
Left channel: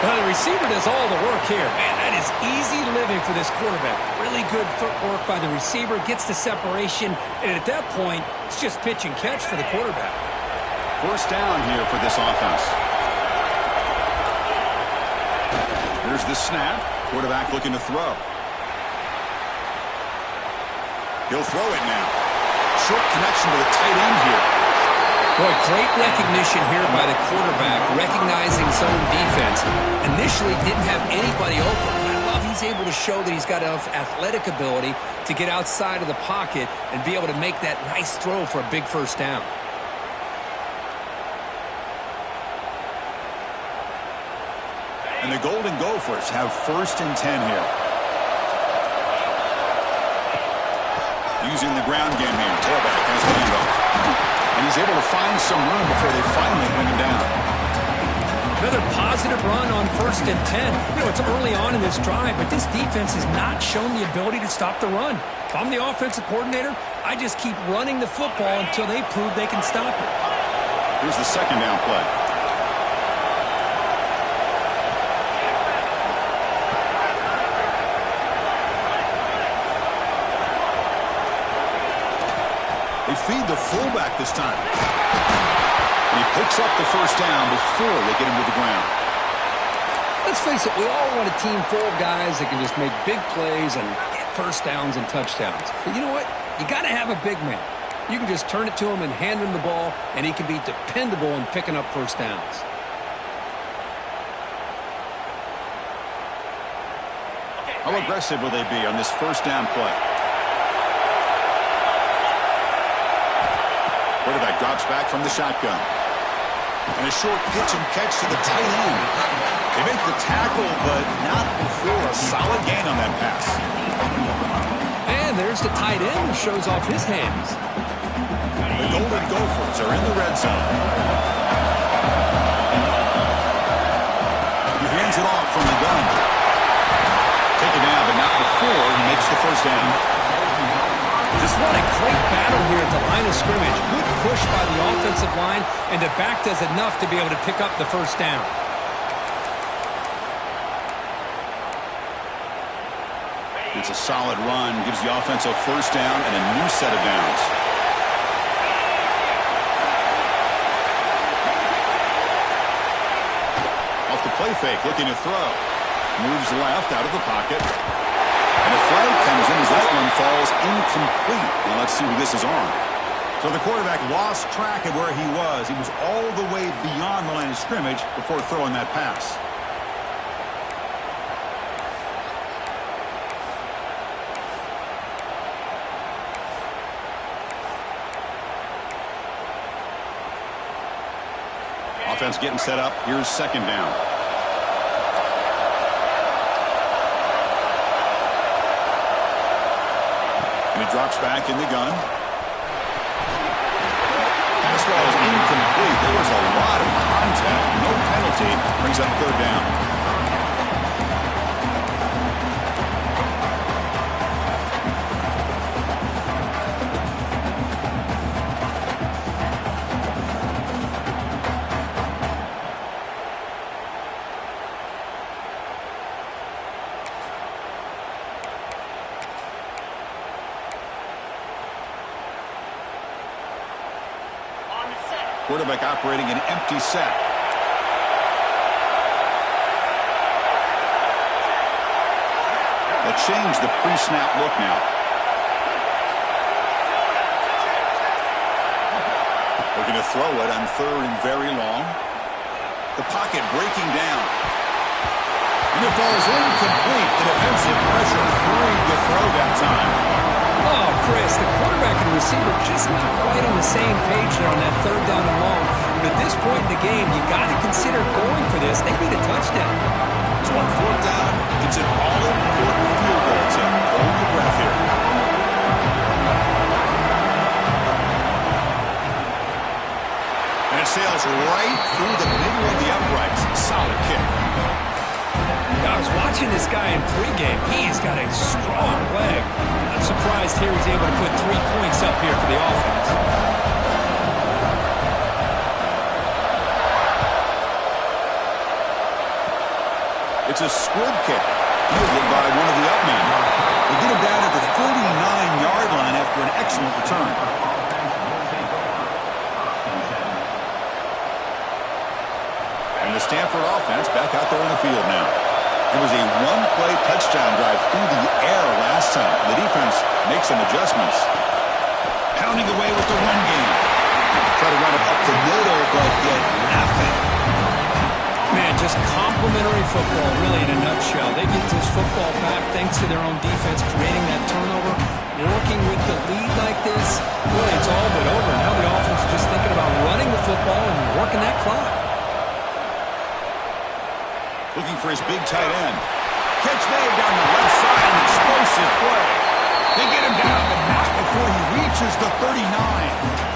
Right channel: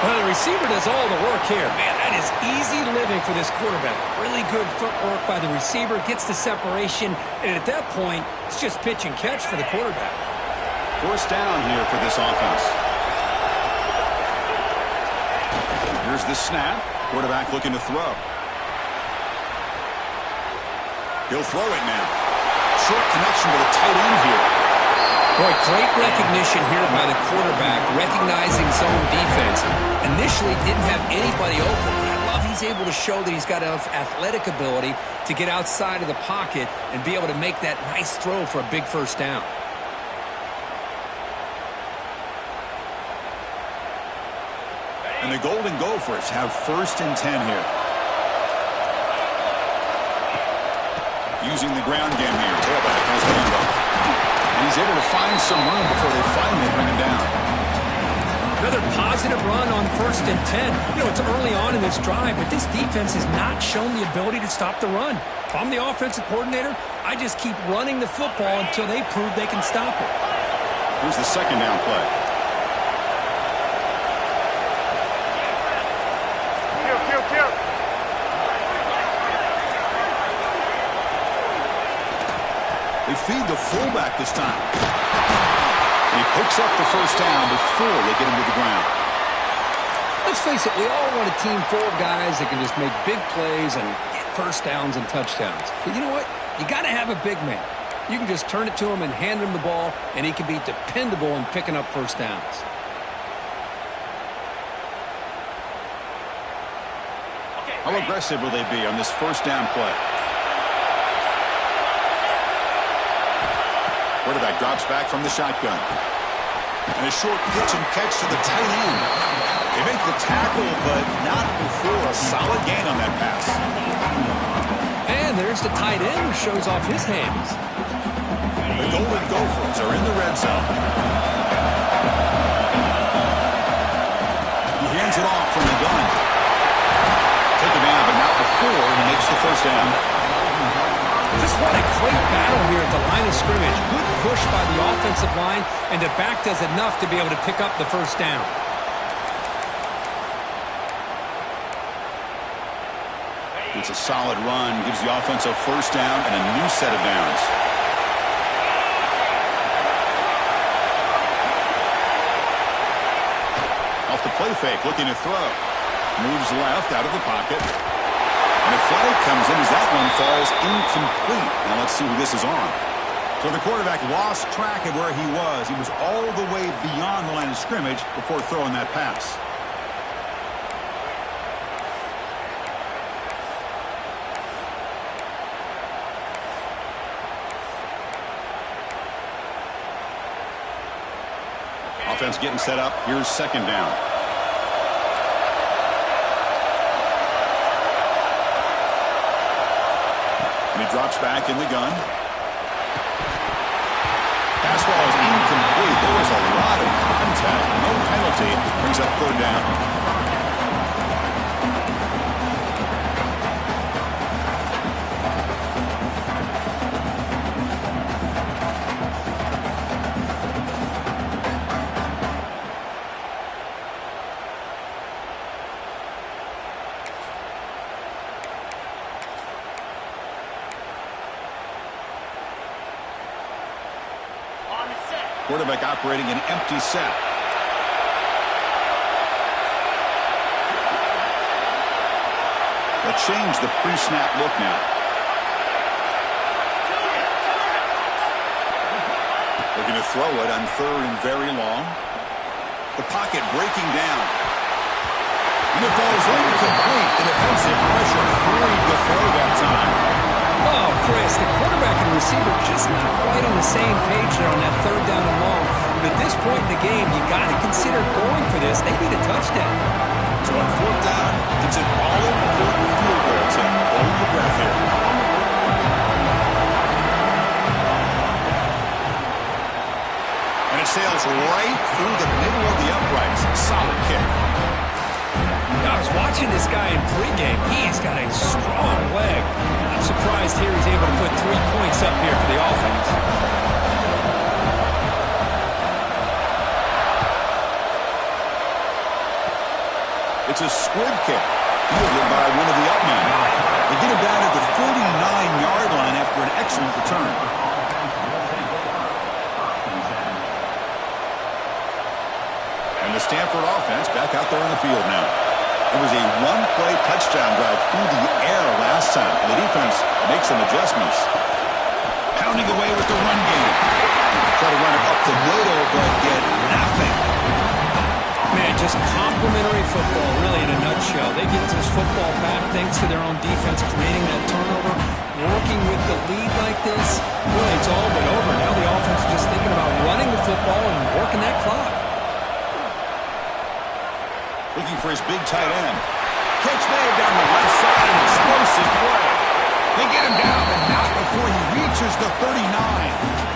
Well, the receiver does all the work here. Man, that is easy living for this quarterback. Really good footwork by the receiver, gets the separation, and at that point, it's just pitch and catch for the quarterback. First down here for this offense. Here's the snap. Quarterback looking to throw. He'll throw it now. Short connection to the tight end here. Boy, great recognition here by the quarterback, recognizing zone defense. Initially didn't have anybody open. I love he's able to show that he's got enough athletic ability to get outside of the pocket and be able to make that nice throw for a big first down. And the Golden Gophers have 1st and 10 here. Using the ground game here. Tailback has the handoff. And he's able to find some room before they finally bring him down. Another positive run on 1st and 10. You know, it's early on in this drive, but this defense has not shown the ability to stop the run. If I'm the offensive coordinator, I just keep running the football until they prove they can stop it. Here's the 2nd down play. They feed the fullback this time. And he picks up the first down before they get him to the ground. Let's face it, we all want a team full of guys that can just make big plays and get first downs and touchdowns. But you know what? You got to have a big man. You can just turn it to him and hand him the ball, and he can be dependable in picking up first downs. How aggressive will they be on this first down play? Quarterback drops back from the shotgun. And a short pitch and catch to the tight end. They make the tackle, but not before a solid gain on that pass. And there's the tight end who shows off his hands. The Golden Gophers are in the red zone. He hands it off from the gun. Take it down, but not before he makes the first down. Just what a great battle here at the line of scrimmage. Good push by the offensive line, and the back does enough to be able to pick up the first down. It's a solid run, gives the offense a first down and a new set of downs. Off the play fake, looking to throw. Moves left out of the pocket. And a flag comes in as that one falls incomplete. Now let's see who this is on. So the quarterback lost track of where he was. He was all the way beyond the line of scrimmage before throwing that pass. Offense getting set up. Here's 2nd down. And he drops back in the gun. Pass ball is incomplete. There was a lot of contact. No penalty. Brings up 3rd down. Quarterback operating an empty set. They'll change the pre-snap look now. Looking to throw it on 3rd and very long. The pocket breaking down. And it falls incomplete. The defensive pressure hurried to throw that time. Oh, Chris, the quarterback and receiver just not quite on the same page there on that third down and long. But at this point in the game, you got to consider going for this. They need a touchdown. So on fourth down, it's an all-important field goal attempt. Hold your breath here. And it sails right through the middle of the uprights. Solid kick. I was watching this guy in pregame. He's got a strong leg. Not surprised here he's able to put 3 points up here for the offense. It's a squib kick, fielded by one of the up men. They get him down at the 49-yard line after an excellent return. And the Stanford offense back out there on the field now. It was a one-play touchdown drive through the air last time. The defense makes some adjustments. Pounding away with the run game. Try to run it up the middle, but get nothing. Man, just complimentary football, really, in a nutshell. They get this football back thanks to their own defense, creating that turnover, working with the lead like this. Really, it's all but over. Now the offense is just thinking about running the football and working that clock. Looking for his big tight end. Catch made down the left side, an explosive play. They get him down, but not before he reaches the 39.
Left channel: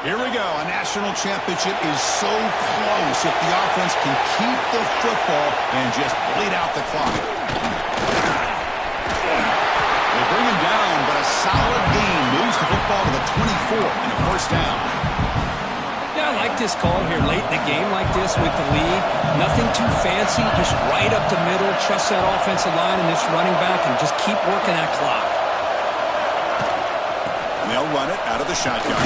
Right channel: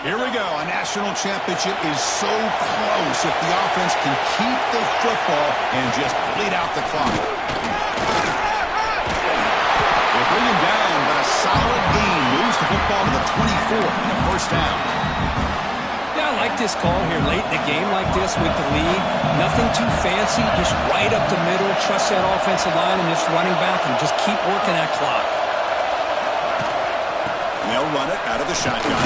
Here we go. A national championship is so close if the offense can keep the football and just bleed out the clock. They bring him down, but a solid gain moves the football to the 24 and a first down. Yeah, I like this call here late in the game like this with the lead. Nothing too fancy, just right up the middle. Trust that offensive line and this running back and just keep working that clock. And they'll run it out of the shotgun.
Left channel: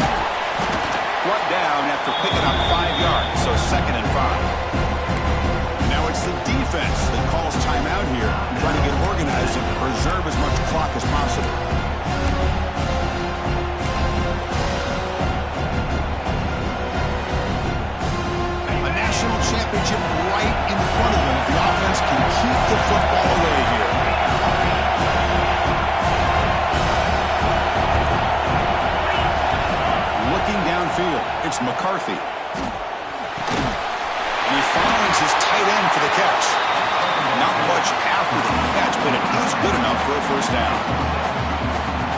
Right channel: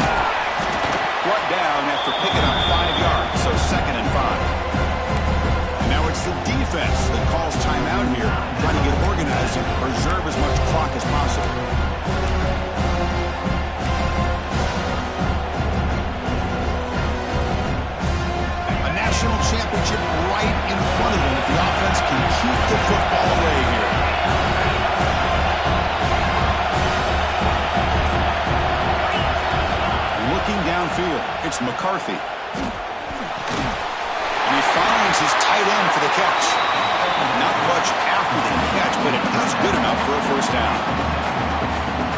Brought down after picking up 5 yards, so 2nd and 5. And now it's the defense that calls timeout here, trying to get organized and preserve as much clock as possible. A national championship right in front of them if the offense can keep the football away here. Looking downfield, it's McCarthy. And he finds his tight end for the catch. Not much after the catch, but it is good enough for a first down.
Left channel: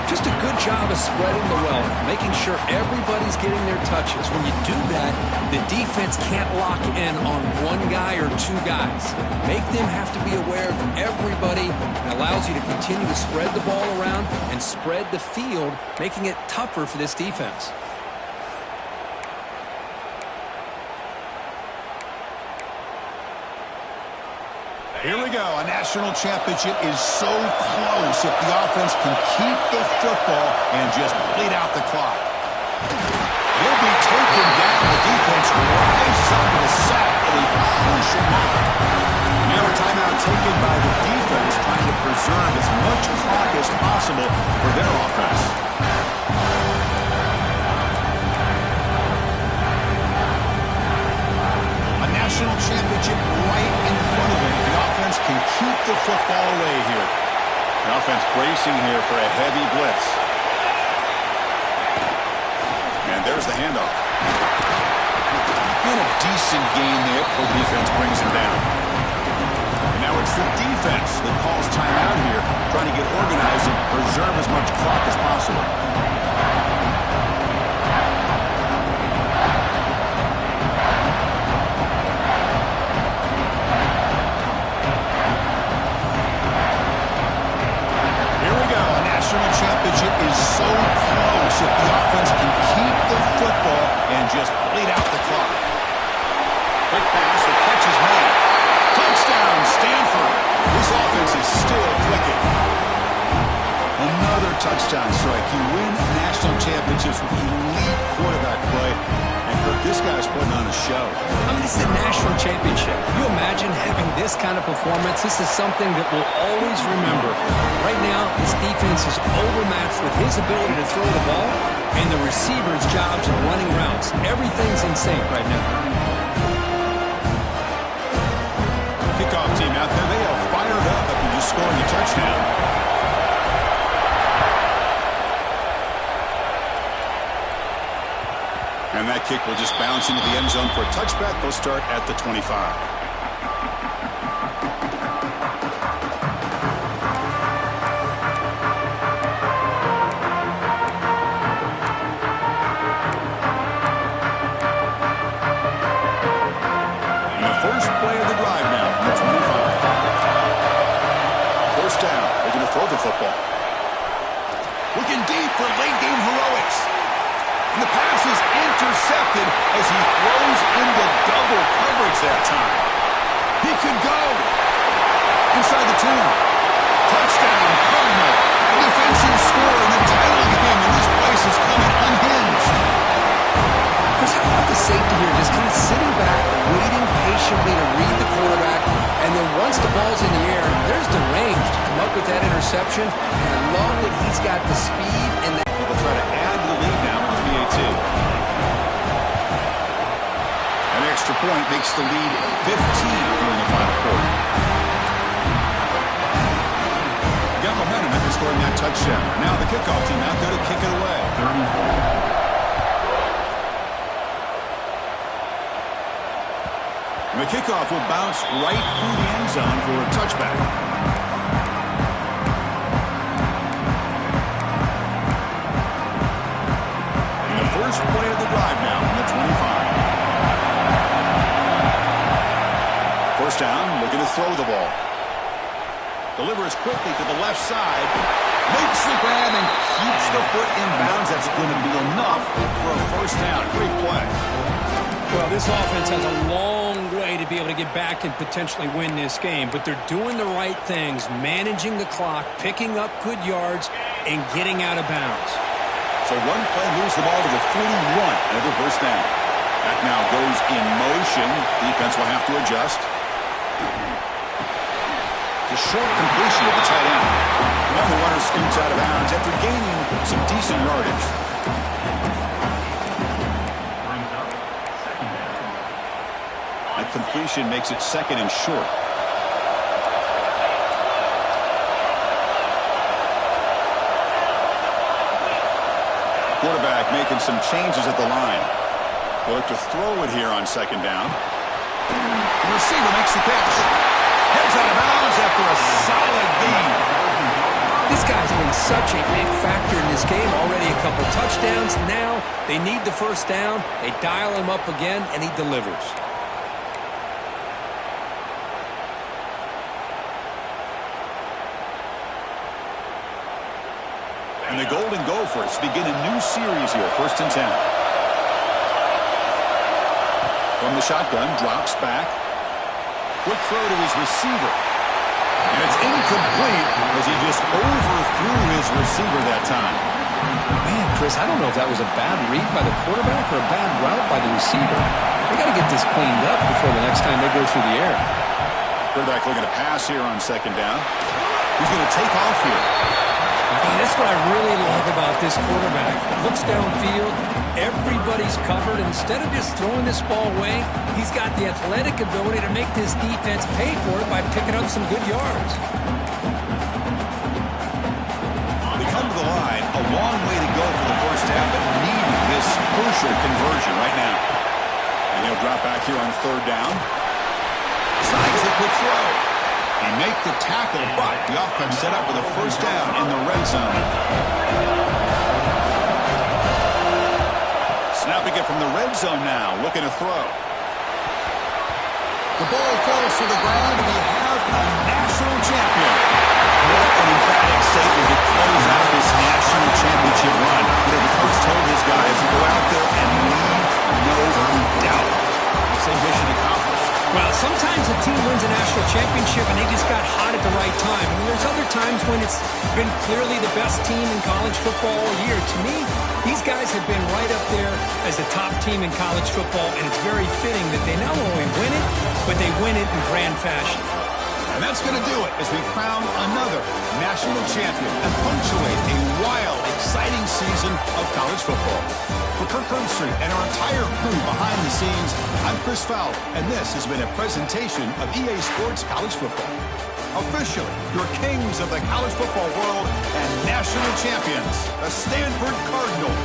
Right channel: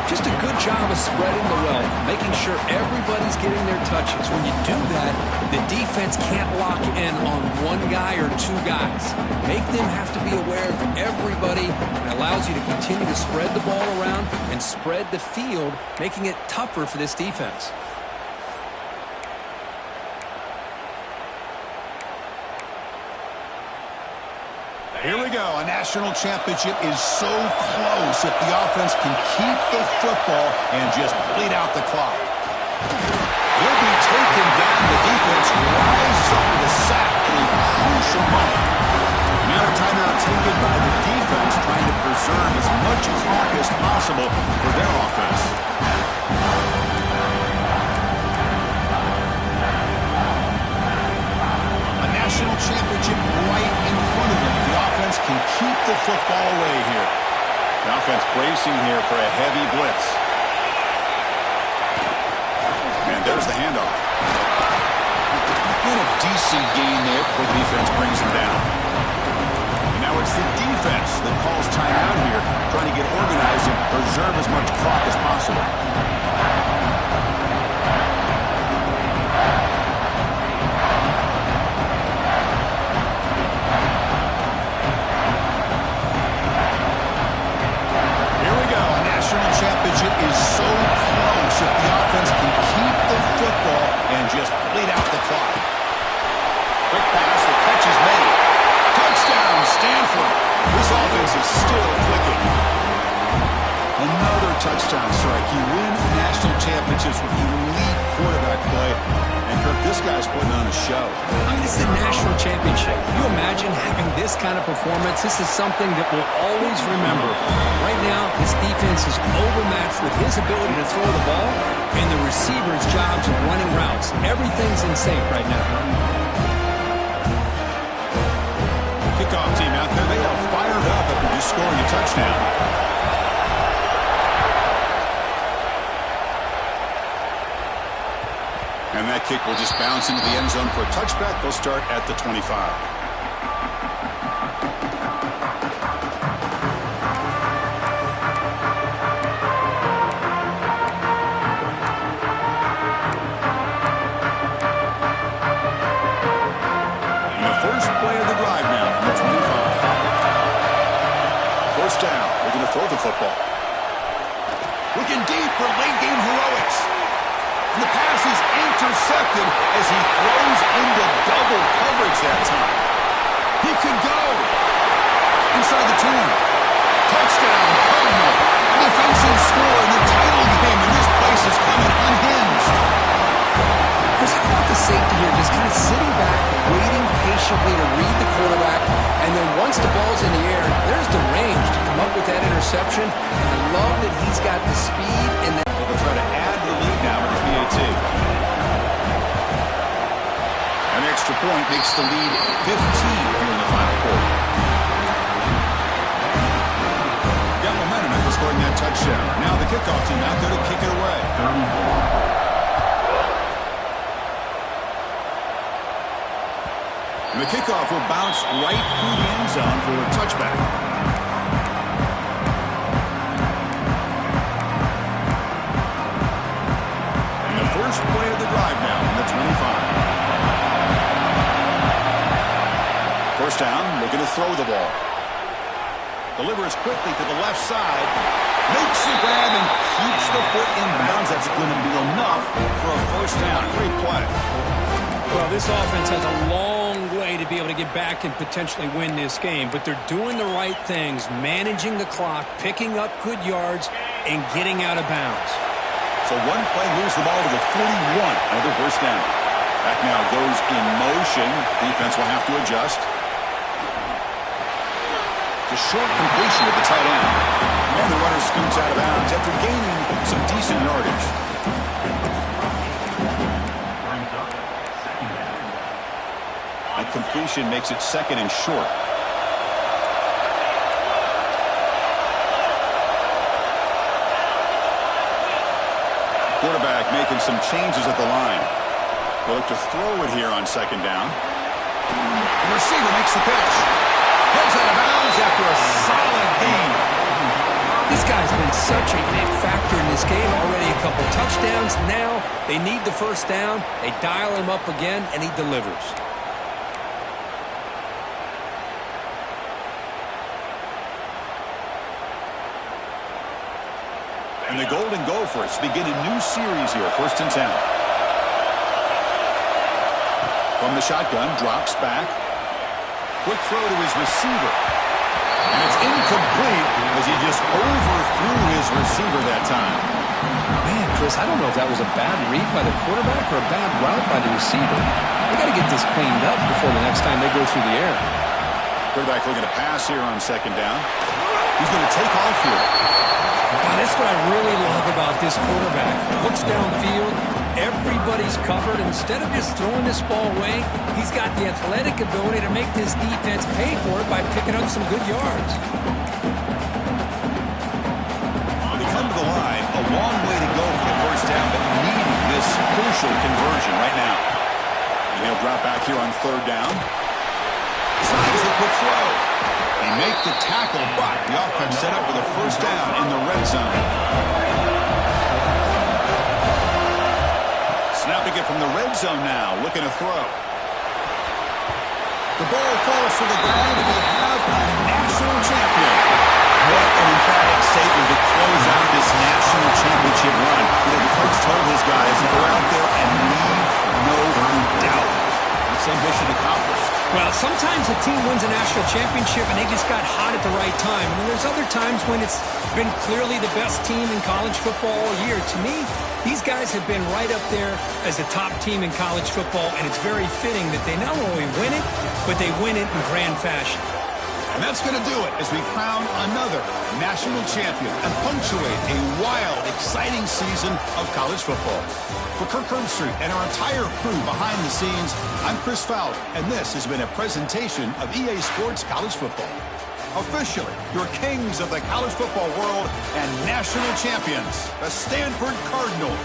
Just a good job of spreading the wealth, making sure everybody's getting their touches. When you do that, the defense can't lock in on one guy or two guys. Make them have to be aware of everybody. It allows you to continue to spread the ball around and spread the field, making it tougher for this defense. Here we go. A national championship is so close if the offense can keep the football and just bleed out the clock. He'll be taken down. The defense rises up to the sack at a crucial moment. Now a timeout taken by the defense, trying to preserve as much clock as possible for their offense. National championship right in front of them if the offense can keep the football away here. The offense bracing here for a heavy blitz. And there's the handoff. And a decent gain there before the defense brings him down. And now it's the defense that calls timeout here, trying to get organized and preserve as much clock as possible. National championship is so close if the offense can keep the football and just bleed out the clock. Quick pass, the catch is made. Touchdown, Stanford. This offense is still clicking. Another touchdown strike. You win national championships with elite quarterback play, and Kirk, this guy's putting on a show. I mean, this is a national championship. Can you imagine having this kind of performance? This is something that we'll always remember. Right now, his defense is overmatched with his ability to throw the ball and the receiver's jobs of running routes. Everything's in sync right now. Kickoff team out there, they are fired up after just scoring a touchdown. And that kick will just bounce into the end zone for a touchback. They'll start at the 25. And the first play of the drive now from the 25. First down. They're going to throw the football. Looking deep for late game heroics. And the pass is intercepted as he throws into double coverage that time. He could go inside the 10. Touchdown, Cardinal. The defensive score in the title game, and this place is coming unhinged. Chris, how about the safety here just kind of sitting back, waiting patiently to read the quarterback, and then once the ball's in the air, there's the range to come up with that interception, and I love that he's got the speed and the... So they'll try to add to the lead now with the BAT. An extra point makes the lead 15 here in the final quarter. Got momentum after scoring that touchdown. Now the kickoff team out there to kick it away. And the kickoff will bounce right through the end zone for a touchback. And the first play of the drive now from the 25. First down, looking to throw the ball. Delivers quickly to the left side. Makes the grab and keeps the foot in bounds. That's going to be enough for a first down. Great play. Well, this offense has a long way to be able to get back and potentially win this game, but they're doing the right things, managing the clock, picking up good yards, and getting out of bounds. So one play, lose the ball to the 41. Another first down. Back now goes in motion. Defense will have to adjust. It's a short completion with the tight end. And the runner scoots out of bounds after gaining some decent yardage. That completion makes it second and short. Quarterback making some changes at the line. They'll look to throw it here on second down. The receiver makes the catch. Heads out of bounds after a solid gain. This guy's been such a big factor in this game. Already a couple touchdowns. Now they need the first down. They dial him up again, and he delivers. And the Golden Gophers begin a new series here, 1st and 10. From the shotgun, drops back. Quick throw to his receiver. And it's incomplete as he just overthrew his receiver that time. Man, Chris, I don't know if that was a bad read by the quarterback or a bad route by the receiver. They got to get this cleaned up before the next time they go through the air. Quarterback looking to pass here on second down. He's going to take off here. That's what I really love about this quarterback. Looks downfield, everybody's covered. Instead of just throwing this ball away, he's got the athletic ability to make this defense pay for it by picking up some good yards. They come to the line, a long way to go for the first down, but needing this crucial conversion right now. And he'll drop back here on third down. Slides the quick throw. He make the tackle, but the offense set up with a first down in the red zone. Snapping it from the red zone now, looking to throw. The ball falls to the ground, and we have a national champion. What an emphatic statement to close out this national championship run. The coach told his guys to go out there and leave no doubt. Let's say mission accomplished. Well, sometimes a team wins a national championship and they just got hot at the right time. And there's other times when it's been clearly the best team in college football all year. To me, these guys have been right up there as the top team in college football, and it's very fitting that they not only win it, but they win it in grand fashion. And that's going to do it as we crown another national champion and punctuate a wild, exciting season of college football. For Kirk Herbstreit and our entire crew behind the scenes, I'm Chris Fowler, and this has been a presentation of EA Sports College Football. Officially, your kings of the college football world and national champions, the Stanford Cardinals.